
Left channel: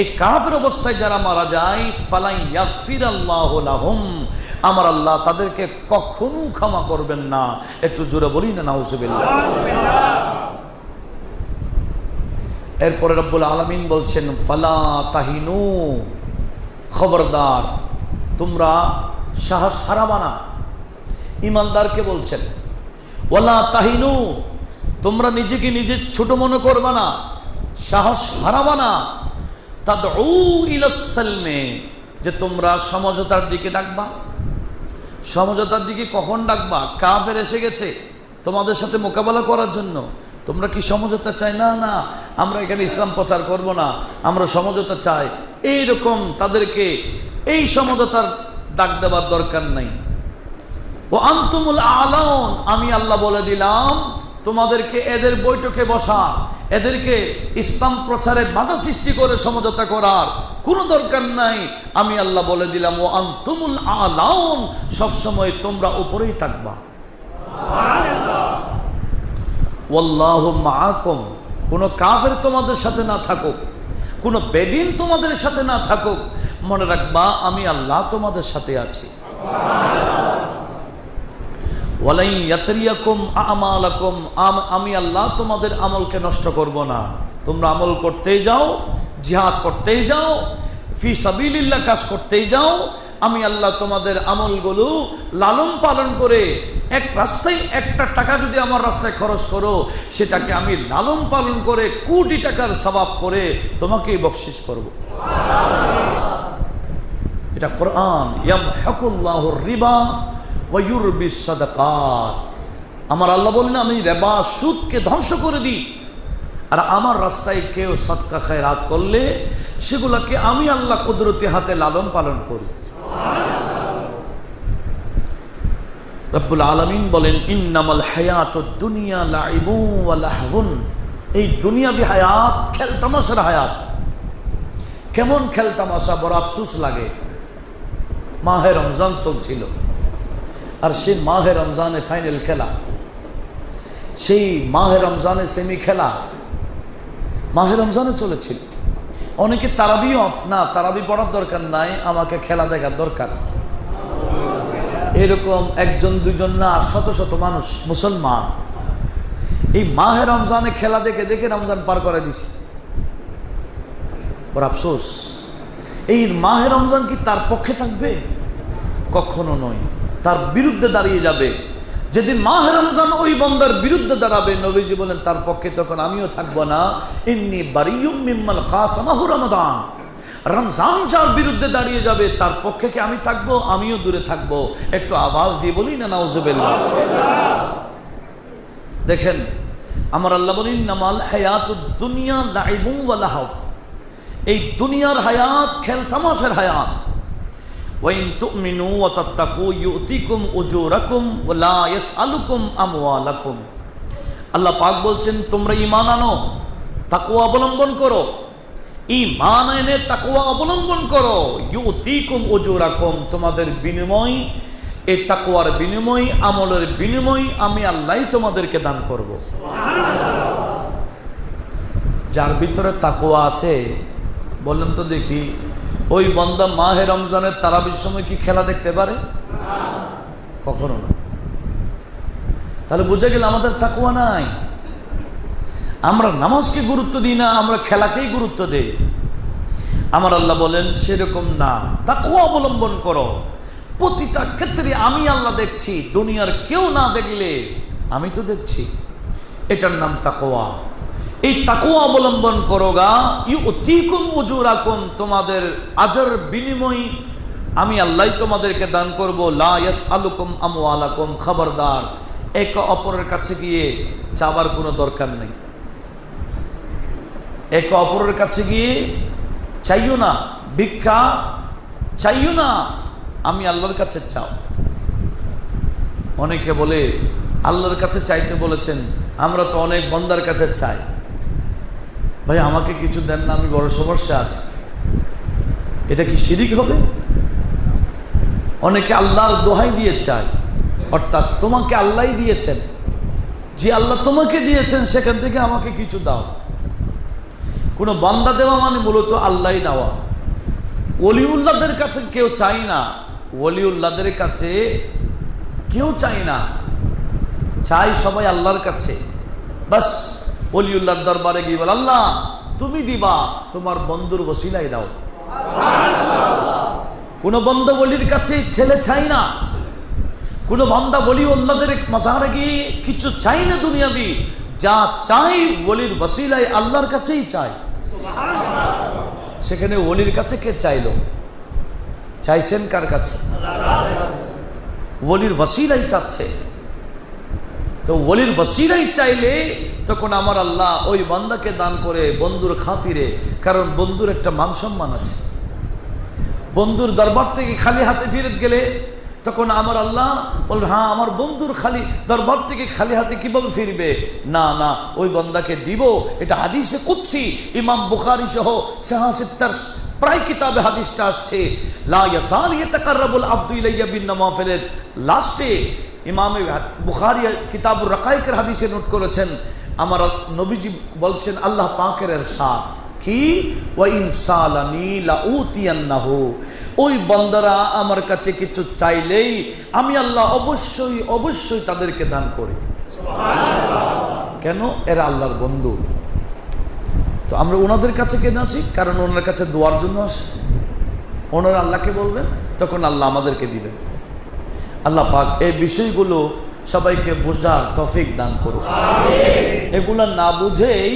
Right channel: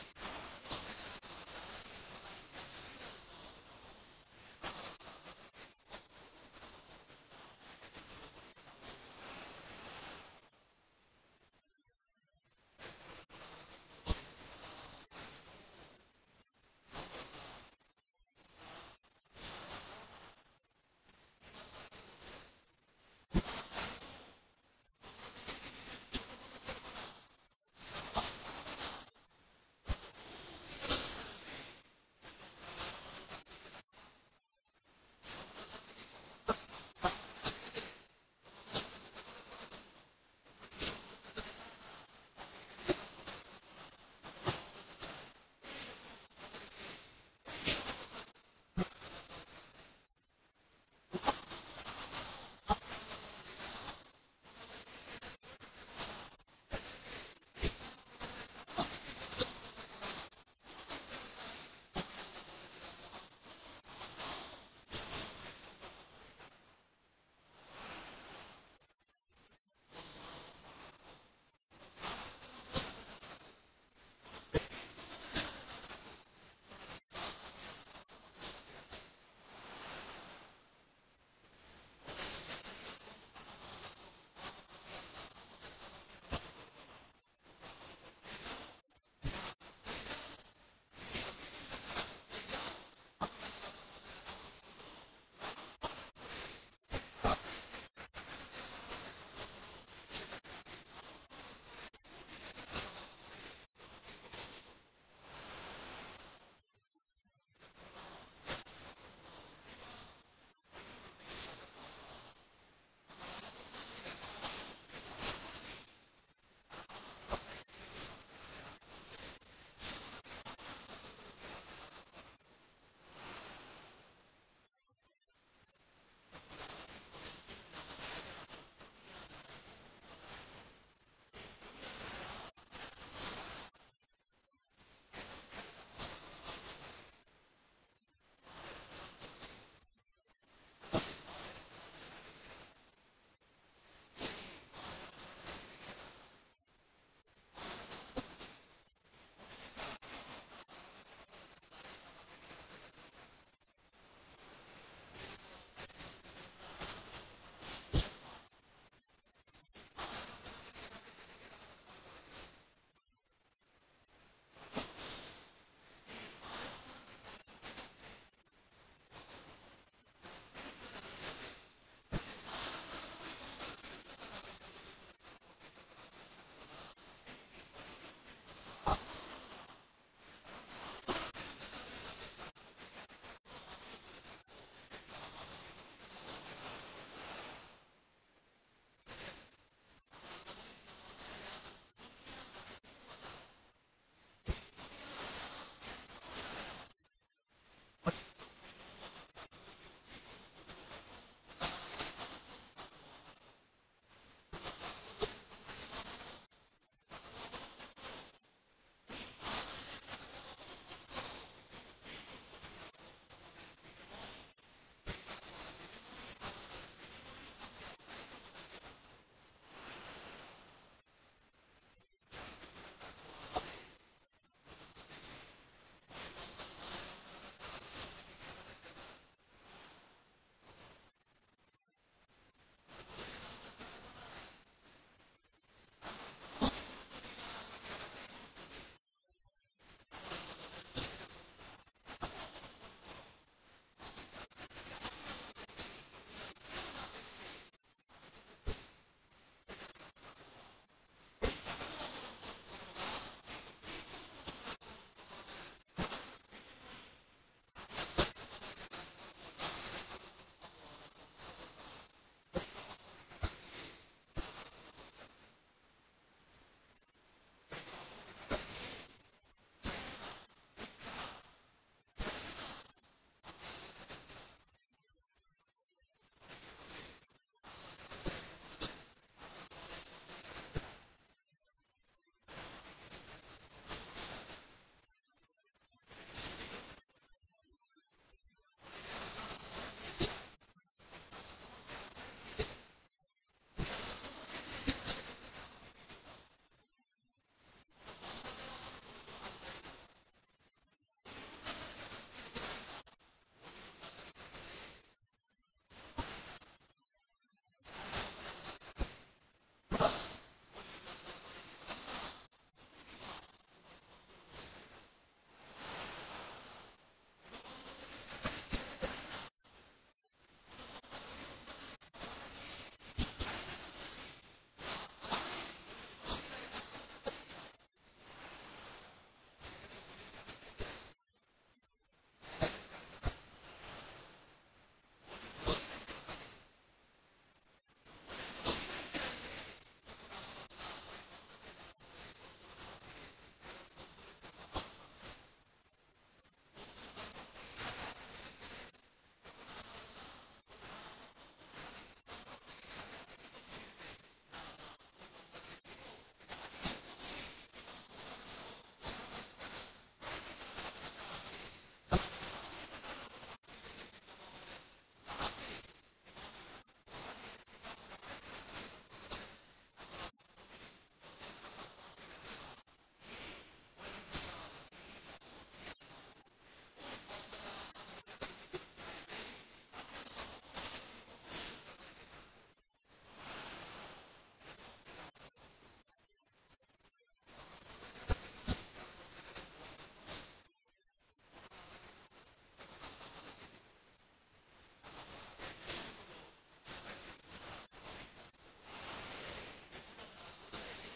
এই কাফের অবস্থায় যারা মারা যায়, ফালাই ইয়াগফিরাল্লাহু লাহুম, আমার আল্লাহ তাদেরকে কখনো ক্ষমা করবেন না। একটু জোরে বলি না নাউজুবিল্লাহ। এরপরে রব্বুল আলামিন বলছেন, ফালা তাহিনু, খবরদার তোমরা সাহস হারাবা না। ঈমানদারকে বলছেন, ওয়ালা তাহিনু, তোমরা নিজেকে নিজে ছোট মনে করবা না, সাহস হারাবা না। তাদউ ইলাস সালমে, যে তোমরা সমঝোতার দিকে ডাকবা। সমঝোতার দিকে কখন ডাকবা? কাফের এসে গেছে তোমাদের সাথে মোকাবেলা করার জন্য, তোমরা কি সমঝোতা চাই? না না, আমরা এখানে ইসলাম প্রচার করব না, আমরা সমঝোতা চাই। এইরকম তাদেরকে এই সমঝোতার ডাক দেওয়ার দরকার নাই। ও আনতুমুল আলাউন, আমি আল্লাহ বলে দিলাম তোমাদেরকে এদের বৈঠকে বসা, এদেরকে ইসলাম প্রচারে বাধা সৃষ্টি করে সমঝোতা করার কোনো দরকার নাই। আমি আল্লাহ বলে দিলাম, ও আনতুমুল আলাউন, সবসময় তোমরা উপরেই থাকবা। ওয়াল্লাহু মাআকুম, কোন কাফের তোমাদের সাথে না থাকুক, কোন বেদিন তোমাদের সাথে না থাকুক, মনে রাখবা আমি আল্লাহ তোমাদের সাথে আছি। ওয়ালাই ইয়াতরিয়াকুম আমালাকুম, আমি আল্লাহ তোমাদের আমলকে নষ্ট করব না। তোমরা আমল করতেই যাও, জিহাদ করতেই যাও, ফি সাবিলিল্লাহ কাজ করতেই যাও, আমি আল্লাহ তোমাদের আমলগুলো লালন পালন করে, এক রাস্তায় একটা টাকা যদি আমার রাস্তায় খরচ করো, সেটাকে আমি লালন পালন করে কোটি টাকার সওয়াব করে তোমাকেই বকশিশ করব। এটা কোরআন। ইয়ামহাকুল্লাহুর রিবা ওয়া ইউরবিস সাদাকাত, আমার আল্লাহ বলেন আমি রিবা সুদকে ধ্বংস করে দিই, আর আমার রাস্তায় কেউ সদকা খায়রাত করলে সেগুলোকে আমি আল্লাহ কুদরতি হাতে লালন পালন করি। রব্বুল আলামিন বলেন, ইন্নামাল হায়াতুদ দুনিয়া লাইবু ওয়া লাহবুন, এই দুনিয়াবি হায়াত খেল তামাশার হায়াত। কেমন খেল তামাশা! বড় আফসোস লাগে, মাহে রমজান চলছিল, আর সে মাহে রমজানে ফাইনাল খেলা, সেই মাহে রমজানে সেমি খেলা মাহে রমজানে চলেছিল। অনেকে তারাবি অফ না, তারাবি পড়ার দরকার নাই, আমাকে খেলা দেখার দরকার। এরকম একজন দুজন না, শত শত মানুষ মুসলমান এই মাহে রমজানে খেলা দেখে দেখে রমজান পার করে দিচ্ছে। ওর আফসোস, এই মাহে রমজান কি তার পক্ষে থাকবে? কখনো নয়, তার বিরুদ্ধে দাঁড়িয়ে যাবে। যেদিন মাহে রমজান ওই বান্দার বিরুদ্ধে দাঁড়াবে, নবীজি বলেন তার পক্ষে তখন আমিও থাকবো না। ইন্নী বারিয়ুম মিম্মান খাসামাহু রমাদান। রমজান যার বিরুদ্ধে দাঁড়িয়ে যাবে তার পক্ষে কি আমি থাকবো? আমিও দূরে থাকবো। একটু আওয়াজ দিয়ে বলি না নাউজুবিল্লাহ। দেখেন আমার আল্লাহ বলেন নামাল হায়াতুদ দুনিয়া লাইবুন ওয়া লাহব। এই দুনিয়ার হায়াত খেল তামাশার হায়াত। ওয়াইন তুমিনু ওয়া তাত্তাকু ইউতিকুম উজুরাকুম ওয়া লা ইয়াসআলুকুম আমওয়ালাকুম। আল্লাহ পাক বলছেন তোমরা ঈমান আনো, তাকওয়া অবলম্বন করো। ঈমান এনে তাকওয়া অবলম্বন করো। ইউতিকুম উজুরাকুম, তোমাদের বিনিময়, এই তাকওয়ার বিনিময়, আমলের বিনিময় আমি আল্লাহই তোমাদেরকে দান করব। যার ভিতরে তাকওয়া আছে বলেন তো দেখি, ওই বান্দা মাহে রমজানের তারাবির সময় কি খেলা দেখতে পারে? কখনো না। তাহলে বুঝে গেল আমাদের তাকওয়া নাই। আমরা নামাজকে গুরুত্ব দিই না, আমরা খেলাকেই গুরুত্ব দেই। আমার আল্লাহ বলেন সেরকম না, তাকওয়া অবলম্বন করো। প্রতিটা ক্ষেত্রে আমি আল্লাহ দেখছি, দুনিয়ার কেউ না দেখলে আমি তো দেখছি। এটার নাম তাকওয়া। এই তাকওয়া অবলম্বন করোগা, ইউতিকুম উজুরাকুম, তোমাদের আজর বিনিময় আমি আল্লাহ তোমাদেরকে দান করব। লা ইয়াসআলুকুম আমওয়ালাকুম, খবরদার একে অপরের কাছে গিয়ে চাবার কোনো দরকার নেই। একে অপরের কাছে গিয়ে চাইও না, ভিক্ষা চাইও না, আমি আল্লাহর কাছে চাও। অনেকে বলে আল্লাহর কাছে চাইতে বলেছেন, আমরা তো অনেক বান্দার কাছে চাই। ভাই আমাকে কিছু দেন না, আমি বড় সমস্যা আছে। এটা কি শিরিক হবে? অনেকে আল্লাহর দোহাই দিয়ে চায়, অর্থাৎ তোমাকে আল্লাহই দিয়েছেন, যে আল্লাহ তোমাকে দিয়েছেন সেখান থেকে আমাকে কিছু দাও। কোনো বান্দা দেওয়া মানে মূলত আল্লাহই দেওয়া। ওলিউল্লাহদের কাছে কেউ চাই না, ওলিউল্লাহদের কাছে কেউ চাই না, চাই সবাই আল্লাহর কাছে। বাস ওলিউল্লাহর দরবারে গিয়ে বল, আল্লাহ তুমি দিবা, তোমার বন্ধুর ওসিলাই দাও। কোন বন্ধু বলির কাছে ছেলে চাই না, কোন বান্দা বলি ওলিউল্লাহদের মাজারে গিয়ে কিছু চাই না দুনিয়াবি, যা চাই ওলির ওসিলাই আল্লাহর কাছেই চাই। সেখানে ওলির কাছে কে চাইলো? চাইছেন কার কাছে? ওলির ওসিলাই চাচ্ছে। তো ওলির ওসিলাই চাইলে তখন আমার আল্লাহ ওই বান্দাকে দান করে বন্ধুর খাতিরে, কারণ বন্ধুর একটা মান সম্মান আছে। বন্ধুর দরবার থেকে খালি হাতে ফিরে গেলে তখন আমার আল্লাহ বলবে, হ্যাঁ আমার বন্ধুর খালি দরবার থেকে খালি হাতে কিভাবে ফিরবে? না না, ওই বান্দাকে দিব। এটা হাদিসে কুদসি, ইমাম বুখারী সহ সাহাসিত্তার প্রায় কিতাবে হাদিসটা আসছে। লা ইয়াসাল ইয়াতাকাররাবুল আবদু ইলাইয়া বিন নওয়াফিলের লাস্টে ইমাম বুখারী কিতাবুর রাকায়েকের হাদিসে নোট করেছেন, আমার নবীজি বলছেন আল্লাহ পাকের ইরশাদ কি, ওয়া ইনসালানি লাউতিয়ান্নাহু, ওই বান্দারা আমার কাছে কিছু চাইলেই আমি আল্লাহ অবশ্যই অবশ্যই তাদেরকে দান করি। কেন? এরা আল্লাহর বন্ধু। তো আমরা ওনাদের কাছে কেন আছি? কারণ ওনার কাছে দোয়ার জন্য আসি। ওনারা আল্লাহকে বলবেন, তখন আল্লাহ আমাদেরকে দিবেন। আল্লাহ পাক এই বিষয়গুলো সবাইকে বোঝার তৌফিক দান করুন। এগুলা না বুঝেই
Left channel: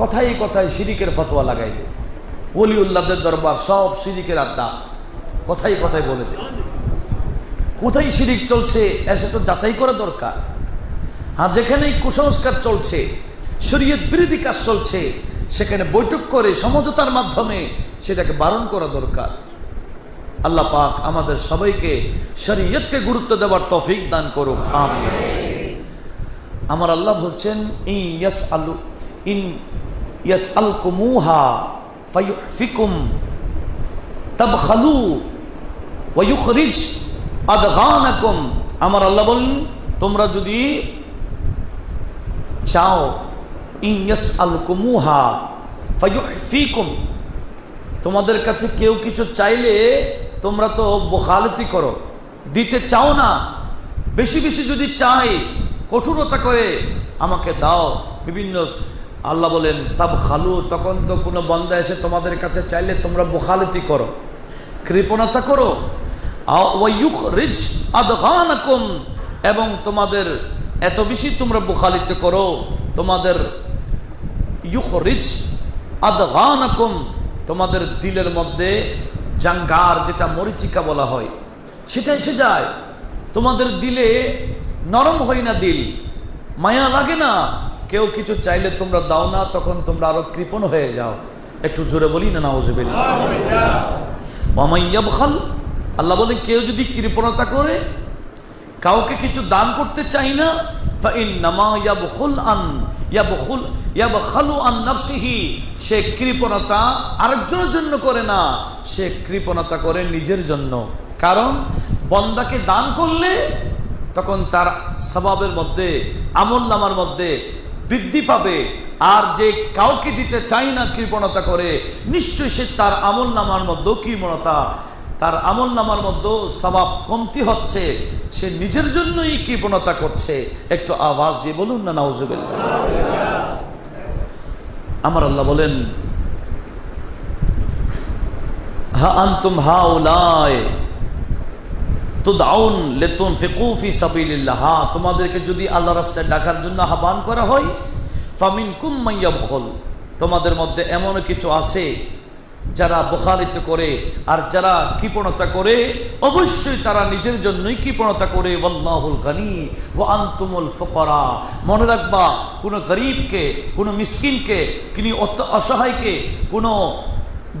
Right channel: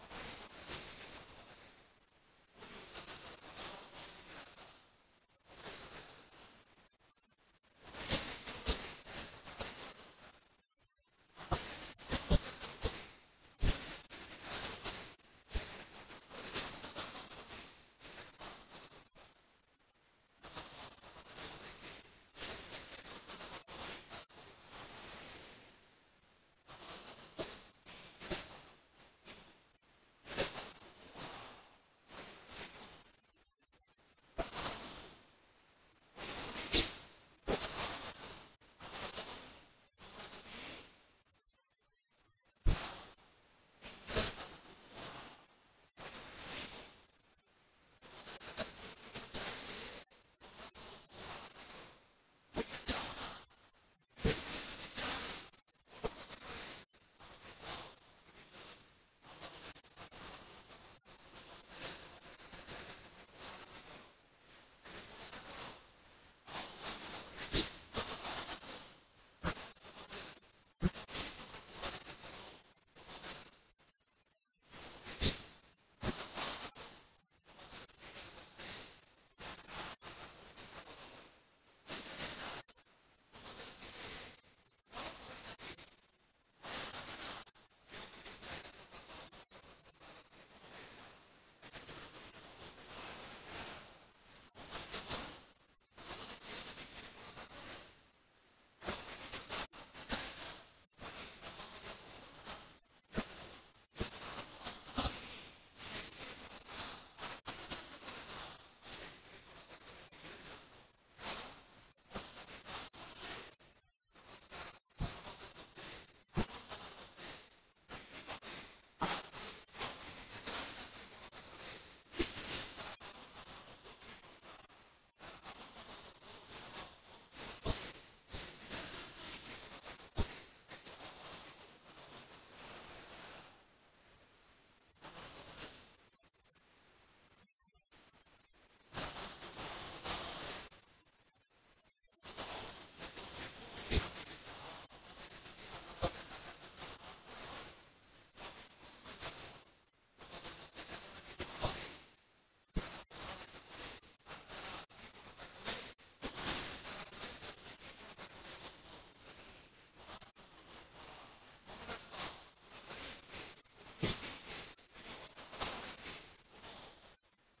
কথায় কথায় শিরিকের ফতোয়া লাগাই দেয়। ওলিউল্লাহদের দরবার সব শিরিকের আড্ডা, কথাই কথাই বলে দেয়। কোথায় শিরিক চলছে এসে তো যাচাই করা দরকার। হ্যাঁ, যেখানে কুসংস্কার চলছে, শরীয়ত বিরোধী কাজ চলছে, সেখানে বৈঠক করে সমঝোতার মাধ্যমে সেটাকে বারণ করা দরকার। আল্লাহ পাক আমাদের সবাইকে শরীয়তকে গুরুত্ব দেওয়ার তৌফিক দান করুক, আমিন। আমার আল্লাহ বলছেন, ইন ইয়াসআলকুমুহা ফায়ুহফিকুম তাবখালু ওয়া ইউখরিজ আদগানাকুম। আমার আল্লাহ বলেন, তোমরা যদি চাও, ইন ইয়াসআলকুমুহা ফায়ুহফিকুম, তোমাদের কাছে কেউ কিছু চাইলে তোমরা তো বখালতি করো, দিতে চাও না। বেশি বেশি যদি চাই, কঠোরতা করে আমাকে দাও, বিভিন্ন আল্লাহ বলেন তাবখালু, তখন তো কোনো বান্দা এসে তোমাদের কাছে চাইলে তোমরা বখালতি করো, কৃপণতা করো। ওয়ায়ুখরিজ আদগানাকুম, এবং তোমাদের এত বেশি তোমরা বখালিত করো, তোমাদের ইউখরিজ আদগানাকুম, তোমাদের দিলের মধ্যে জাঙ্গার, যেটা মরিচিকা বলা হয়, সেটা এসে যায়। তোমাদের দিলে নরম হয় না, দিল মায়া লাগে না, কেউ কিছু চাইলে তোমরা দাও না, তখন তোমরা আরো কৃপণ হয়ে যাও। একটু জোরে বলি না নাউযুবিল্লাহ। ওয়া মান ইয়াবখাল, আল্লাহ বলে কেউ যদি কৃপণতা করে, কাউকে কিছু দান করতে চাই না, ফাইন্নামা ইয়াবখালু আন নাফসিহি, সে কৃপণতা আরেকজনের জন্য করে না, সে কৃপণতা করে নিজের জন্য। কারণ বান্দাকে দান করলে তখন তার সওয়াবের মধ্যে, আমলনামার মধ্যে বৃদ্ধি পাবে। আর যে কাউকে দিতে চাই না, কৃপণতা করে, নিশ্চয়ই সে তার আমলনামার মধ্যে কৃপণতা, তার আমলনামার মধ্যে সওয়াব কমতি হচ্ছে, সে নিজের জন্যই কৃপণতা করছে। একটু আওয়াজ দিয়ে বলুন না নাউযুবিল্লাহ। আমার আল্লাহ বলেন হা আনতুম হাউলাই তুদআউন লিতুনফিকু ফি সাবিলিল্লাহ, তোমাদেরকে যদি আল্লাহর রাস্তায় ডাকার জন্য আহ্বান করা হয়, ফামিনকুম মান ইয়াবখুল, তোমাদের মধ্যে এমন কিছু আছে যারা বখালিত করে, আর যারা কৃপণতা করে, অবশ্যই তারা নিজের জন্যই কৃপণতা করে। ওয়াল্লাহুল গনি ওয়া আনতুমুল ফুকারা, মনে রাখবা, কোনো গরিবকে, কোনো মিসকিনকে, কোনো অসহায়কে, কোনো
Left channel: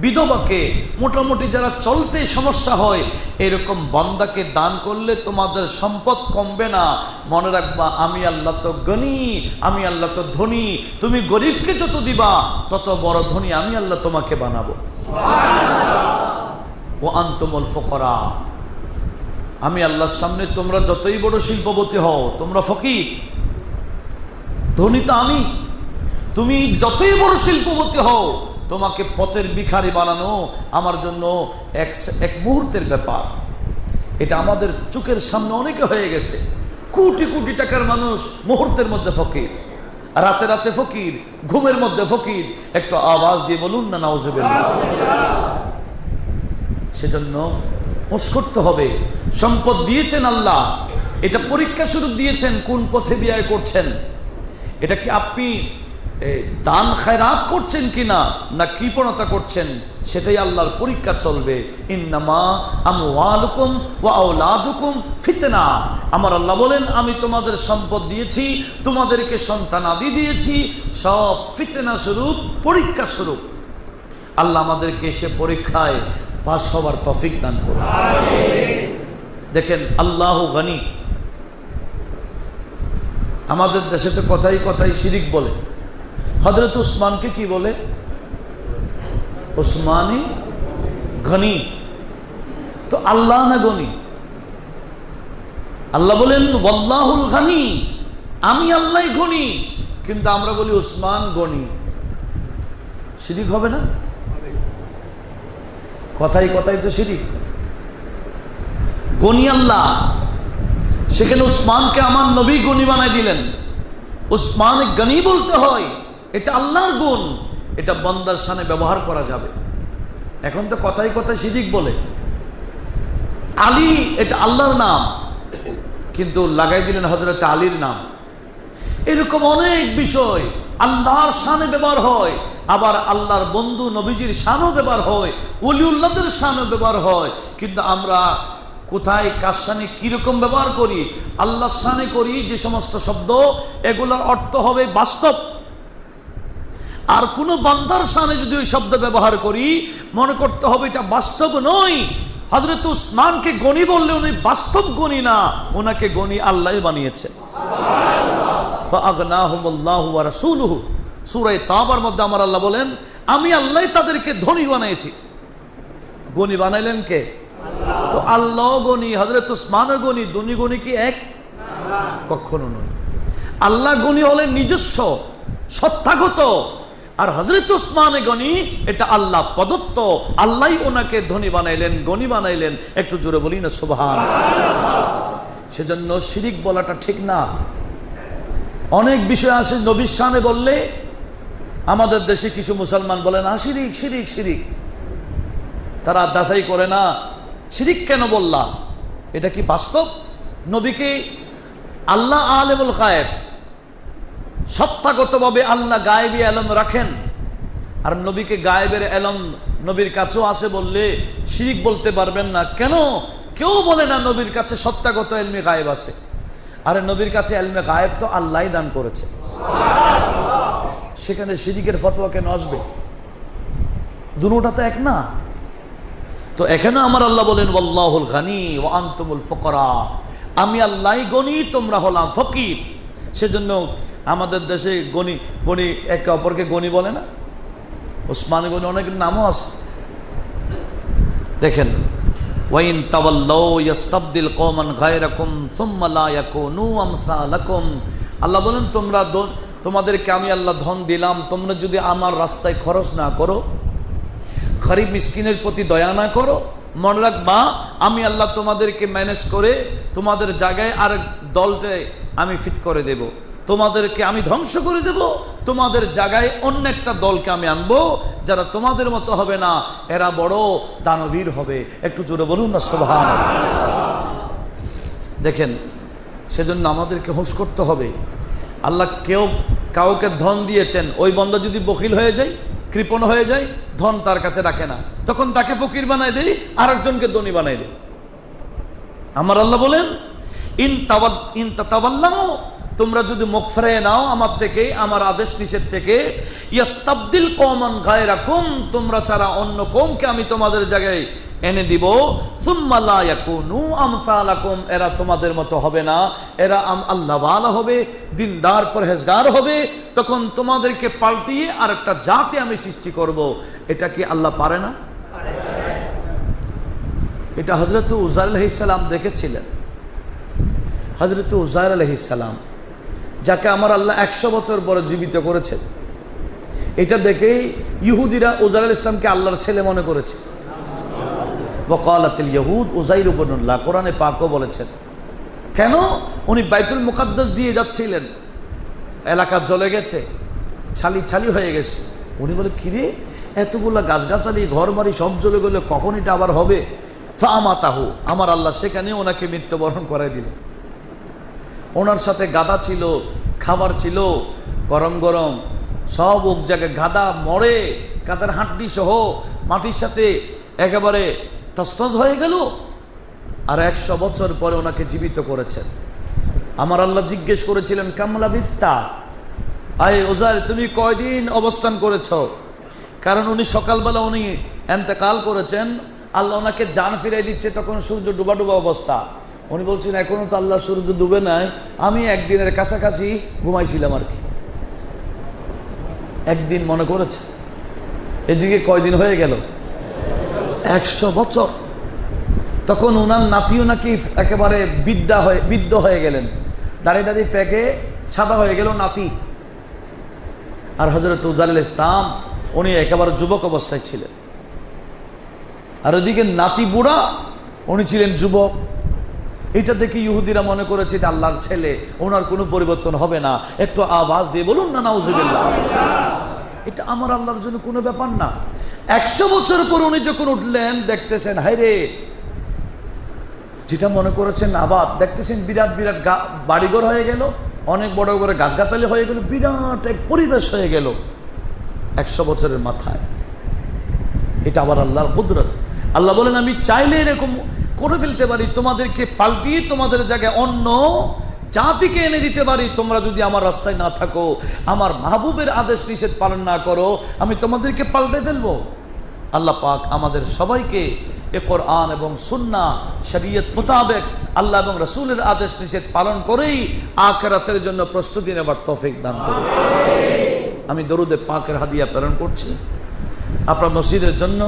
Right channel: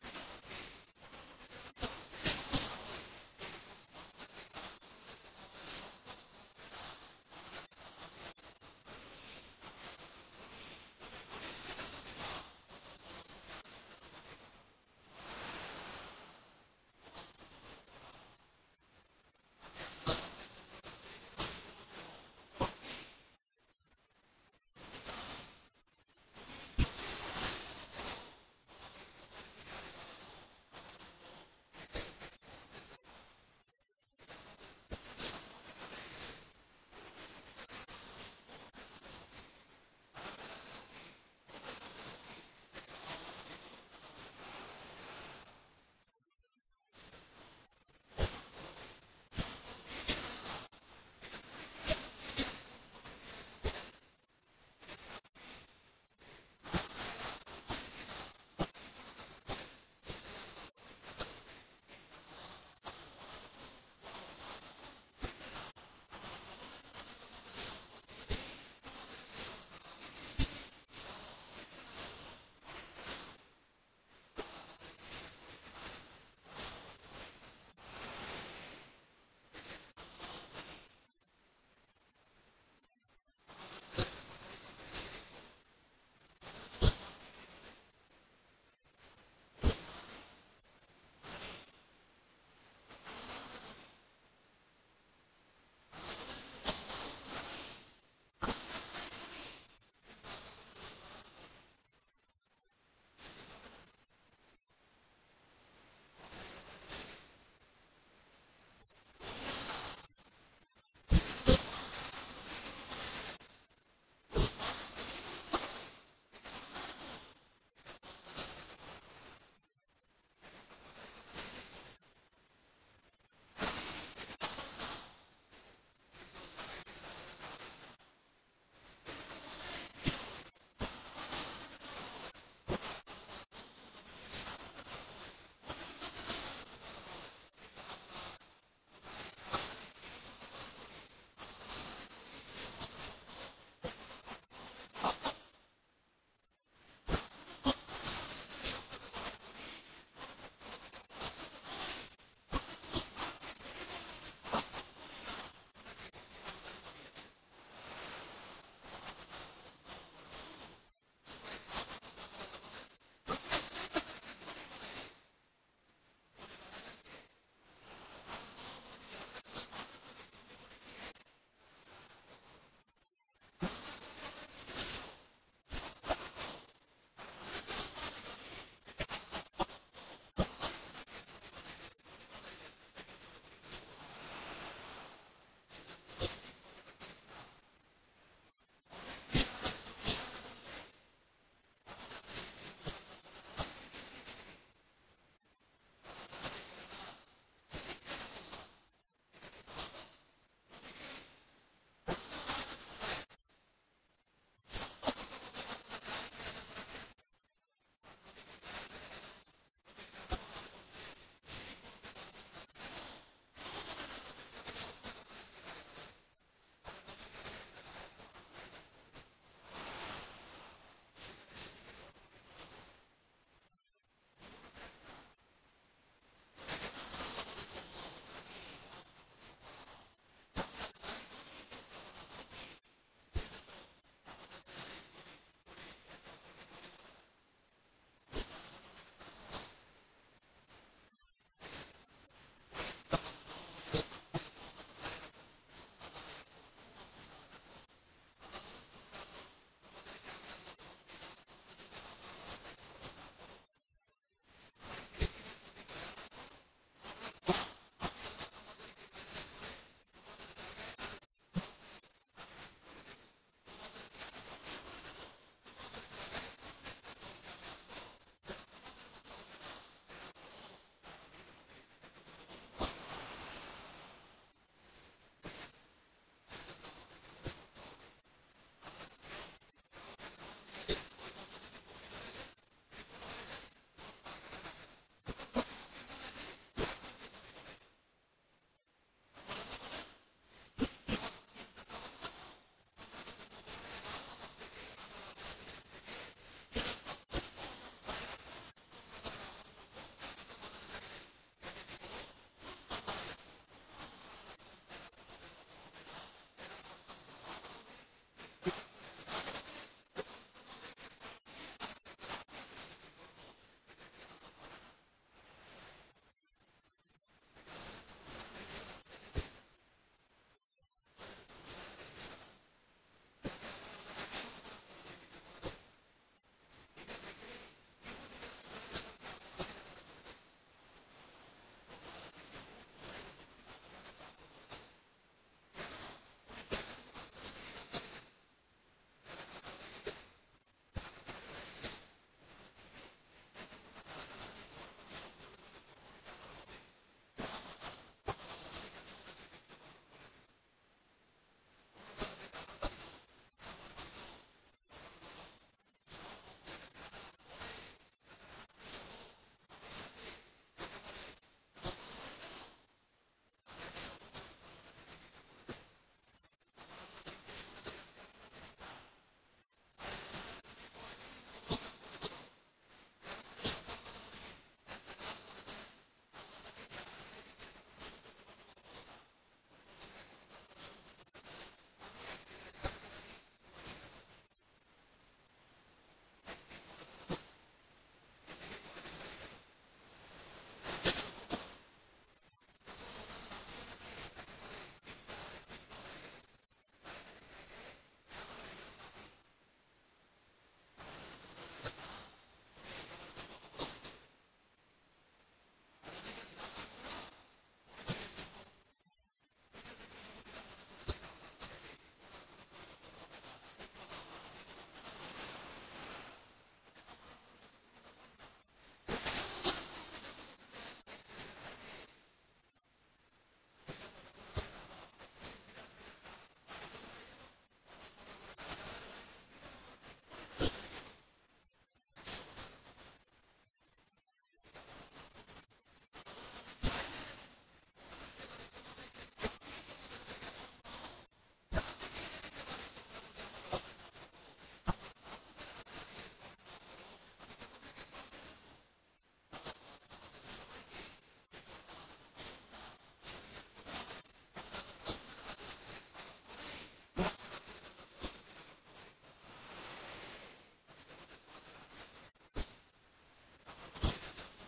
বিধবাকে, মোটামুটি যারা চলতে সমস্যা হয়, এরকম বান্দাকে দান করলে তোমাদের সম্পদ কমবে না। মনে রাখবা, আমি আল্লাহ তো গনি, আমি আল্লাহ তো ধনী। তুমি গরিবকে যত দিবা তত বড় ধনী আমি আল্লাহ তোমাকে বানাবো। ও আনতুমুল ফুকারা, আমি আল্লাহর সামনে তোমরা যতই বড় শিল্পপতি হও, তোমরা ফকির, ধনী তো আমি। তুমি যতই বড় শিল্পপতি হও, তোমাকে পথের ভিখারি বানানো আমার জন্য এক মুহূর্তের ব্যাপার। এটা আমাদের চোখের সামনে অনেকে হয়ে গেছে। কোটি কোটি টাকার মানুষ মুহূর্তের মধ্যে ফকির, রাতে রাতে ফকির, ঘুমের মধ্যে ফকির। একটু আওয়াজ দিয়ে বলুন না নাউযুবিল্লাহ। সেজন্য হোশ করতে হবে, সম্পদ দিয়েছেন আল্লাহ, এটা পরীক্ষা স্বরূপ দিয়েছেন, কোন পথে ব্যয় করছেন। এটা কি আপনি দান খায়রাত করছেন কিনা, না কৃপণতা করছেন, সেটাই আল্লাহর পরীক্ষা চলবে। ইন্নামা আমওয়ালুকুম ওয়া আওলাদুকুম ফিতনা, আমার আল্লাহ বলেন আমি তোমাদের সম্পদ দিয়েছি, তোমাদেরকে সন্তানাদি দিয়েছি, সব ফিতনা স্বরূপ, পরীক্ষা স্বরূপ। আল্লাহ আমাদেরকে সে পরীক্ষায় পাস হওয়ার তৌফিক দান করুন। দেখেন আল্লাহু গনি, আমাদের দেশে তো কথাই কথাই শিরিক বলে। হযরত উসমানকে কি বলে? উসমানী গনি। তো আল্লাহ না গনি? আল্লাহ বলেন ওয়াল্লাহুল গনি, আমি আল্লাহ গনি, কিন্তু আমরা বলি উসমান গনি। শিরিক হবে না? কথাই কথাই তো শিরিক। গনি আল্লাহ, সেখানে উসমানকে আমার নবী গনি বানাই দিলেন। উসমান গনি বলতে হয়, এটা আল্লাহর গুণ, এটা বান্দার শানে ব্যবহার করা যাবে। এখন তো কথাই কথাই শিরিক বলে। আলী এটা আল্লাহর নাম, কিন্তু লাগাই দিলেন হযরত আলীর নাম। এরকম অনেক বিষয় আল্লাহর শানে ব্যবহার হয়, আবার আল্লাহর বন্ধু নবীজির শানও ব্যবহার হয়, ওলিউল্লাহদের শানও ব্যবহার হয়। কিন্তু আমরা কোথায় কার শানে কিরকম ব্যবহার করি? আল্লাহর শানে করি যে সমস্ত শব্দ, এগুলোর অর্থ হবে বাস্তব। আর কোন বান্দার শানে যদি ওই শব্দ ব্যবহার করি, মনে করতে হবে এটা বাস্তব নয়। হযরত উসমানকে গনি বললে উনি বাস্তব গনি না, ওনাকে গনি আল্লাহ বানিয়েছে। ফাআগনাহুমুল্লাহু ওয়া রাসূলুহু, সূরা তাওবার মধ্যে আমার আল্লাহ বলেন আমি আল্লাহ তাদেরকে ধনী বানাইছি। গনি বানাইলেন কে? তো আল্লাহ গনি, হযরত উসমানও গনি, দুনি গনি কি এক? কখনো নয়। আল্লাহ গনি হলেন নিজস্ব সত্তাগত, আর হযরত উসমান গনি এটা আল্লাহ প্রদত্ত। আল্লাহই ওনাকে ধনী বানাইলেন, গনি বানাইলেন। একটু জোরে বলি না সুবহানাল্লাহ। সেজন্য শিরিক বলাটা ঠিক না। অনেক বিষয় আছে নবীর শানে বললে, আমাদের দেশে কিছু মুসলমান বলে না শিরিক শিরিক শিরিক, তারা যাচাই করে না শিরিক কেন বললাম, এটা কি বাস্তব? নবীকে আল্লাহ আলেমুল গায়েব, সত্তাগতভাবে আল্লাহ গায়েবী এলম রাখেন, আর নবীকে গায়েবের এলম নবীর কাছেও আসে বললে শিরিক বলতে পারবেন না কেন? কেউ বলে না নবীর কাছে সত্তাগত এলমে গায়েব আছে। আরে নবীর কাছে এলমে গায়েব তো আল্লাহই দান করেছে, সেখানে শিরিকের ফতোয়া কেন আসবে? দুটোটা তো এক না। তো এখানে আমার আল্লাহ বলেন ওয়াল্লাহুল গানি ওয়া আনতুমুল ফুকারা, আমি আল্লাহই গনি, তোমরা হলাম ফকির। সেজন্য আমাদের দেশে গনি গনি একে অপরকে গনি বলে না, ওসমান গনি অনেক নামও আছে। দেখেন ওয়াইন তাওয়াল্লাউ ইয়াস্তাবদিল কওমান গায়রাকুম সুম্মা লা ইয়াকুনু আমসালাকুম। আল্লাহ বলেন তোমাদেরকে আমি আল্লাহ ধন দিলাম, তোমরা যদি আমার রাস্তায় খরচ না করো, গরিব মিসকিনের প্রতি দয়া না করো, মনে রাখবা আমি আল্লাহ তোমাদেরকে ম্যানেজ করে তোমাদের জায়গায় আরেক দলকে আমি ফিট করে দেব, তোমাদেরকে আমি ধ্বংস করে দেব, তোমাদের জায়গায় অন্য একটা দলকে আমি আনবো যারা তোমাদের মতো হবে না, এরা বড় দানবীর হবে। একটু জোরে বলুন না সুবহানাল্লাহ। দেখেন সেজন্য আমাদেরকে হুঁশ করতে হবে। আল্লাহ কাউকে ধন দিয়েছেন, ওই বন্দা যদি বখিল হয়ে যায়, কৃপণ হয়ে যায়, ধন তার কাছে রাখে না, তখন তাকে ফকির বানাই দেয়, আরেকজনকে ধনী বানাই দেয়। আমার আল্লাহ বলেন ইন তাতাওয়াল্লাউ, তোমরা যদি মুখ ফিরিয়ে নাও আমার থেকে, আমার আদেশ নিষেধ থেকে, ইয়াস্তাবদিল কওমান গায়রাকুম, তোমরা ছাড়া অন্য কওমকে আমি তোমাদের জায়গায় এনে দিব, সুম্মা লা ইয়াকুনু আমসালাকুম, এরা তোমাদের মতো হবে না, এরা আল্লাহওয়ালা হবে, দিনদার পরহেজগার হবে, তখন তোমাদেরকে পাল্টিয়ে আর একটা জাতি আমি সৃষ্টি করব। এটা কি আল্লাহ পারে না? এটা হযরত উযাইর আলাইহিস সালাম দেখেছিলেন। হযরত উযাইর আলাইহিস সালাম, যাকে আমার আল্লাহ 100 বছর পরে জীবিত করেছেন, এটা দেখেই ইহুদিরা উযাইর আলাইহিস সালামকে আল্লাহর ছেলে মনে করেছে। ওয়াকালাতিল ইয়াহুদ উযাইর ইবনুল্লাহ, কোরআনে পাকও বলেছেন। কেন? উনি বাইতুল মুকাদ্দাস দিয়ে যাচ্ছিলেন, এলাকা জ্বলে গেছে, ছালি ছালি হয়ে গেছে। উনি বলে কিরে, এতগুলা গাছগাছালি ঘর বাড়ি সব জ্বলে গেলে কখন এটা আবার হবে? ফামাতাহু, আমার আল্লাহ সেখানে ওনাকে মৃত্যুবরণ করাই দিলেন। ওনার সাথে গাদা ছিল, খাবার ছিল গরম গরম সব, এক জায়গায় গাদা মরে, গাদার হাড্ডি সহ মাটির সাথে একেবারে তসতস হয়ে গেল। আর 100 বছর পরে ওনাকে জীবিত করেছেন। আমার আল্লাহ জিজ্ঞেস করেছিলেন কামলা বিস্তা, আয় উযাইর তুমি কয়দিন অবস্থান করেছ? কারণ উনি সকালবেলা উনি ইন্তেকাল করেছেন, আল্লাহ ওনাকে জান ফিরাই দিচ্ছে, তখন সূর্য ডুবা ডুবা অবস্থা। উনি বলছেন এখনো তো আল্লাহ সূর্য ডুবে নাই, আমি একদিনের কাছাকাছি ঘুমাইছিলাম আর কি, একদিন মনে করেছে। এদিকে কয়দিন হয়ে গেল? 100 বছর। তখন ওনার নাতিও নাকি একেবারে বৃদ্ধ হয়ে গেলেন, দাঁড়িয়ে দাঁড়িয়ে পেকে সাদা হয়ে গেল নাতি। আর হযরত উযাইর আলাইহিস সালাম উনি একেবারে যুবক অবস্থায় ছিলেন, আর ওদিকে নাতি বুড়া, উনি ছিলেন যুবক। এটা দেখে ইহুদিরা মনে করেছে এটা আল্লাহর ছেলে, ওনার কোনো পরিবর্তন হবে না। একটু আওয়াজ দিয়ে বলুন না নাউজুবিল্লাহ। এটা আমার আল্লাহর জন্য কোনো ব্যাপার না। 100 বছর পর উনি যখন উঠলেন, দেখতেছেন হায়রে, যেটা মনে করেছেন আবার দেখতেছেন বিরাট বিরাট বাড়িঘর হয়ে গেল, অনেক বড় বড় গাছগাছালি হয়ে গেল, বিরাট এক পরিবেশ হয়ে গেল 100 বছরের মাথায়। এটা আবার আল্লাহর কুদরত। আল্লাহ বলেন আমি চাইলে এরকম করে ফেলতে পারি, তোমাদেরকে পাল্টিয়ে তোমাদের জায়গায় অন্য জাতিকে এনে দিতে পারি। তোমরা যদি আমার রাস্তায় না থাকো, আমার মাহবুবের আদেশ নিষেধ পালন না করো, আমি তোমাদেরকে পাল্টে ফেলবো। আল্লাহ পাক আমাদের সবাইকে এ কোরআন এবং সুন্নাহ শরীয়ত মোতাবেক আল্লাহ এবং রাসূলের আদেশ নিষেধ পালন করেই আখিরাতের জন্য প্রস্তুতি নেবার তৌফিক দান করুন। আমি দরুদে পাকের হাদিয়া প্রেরণ করছি আপনার মসজিদের জন্য।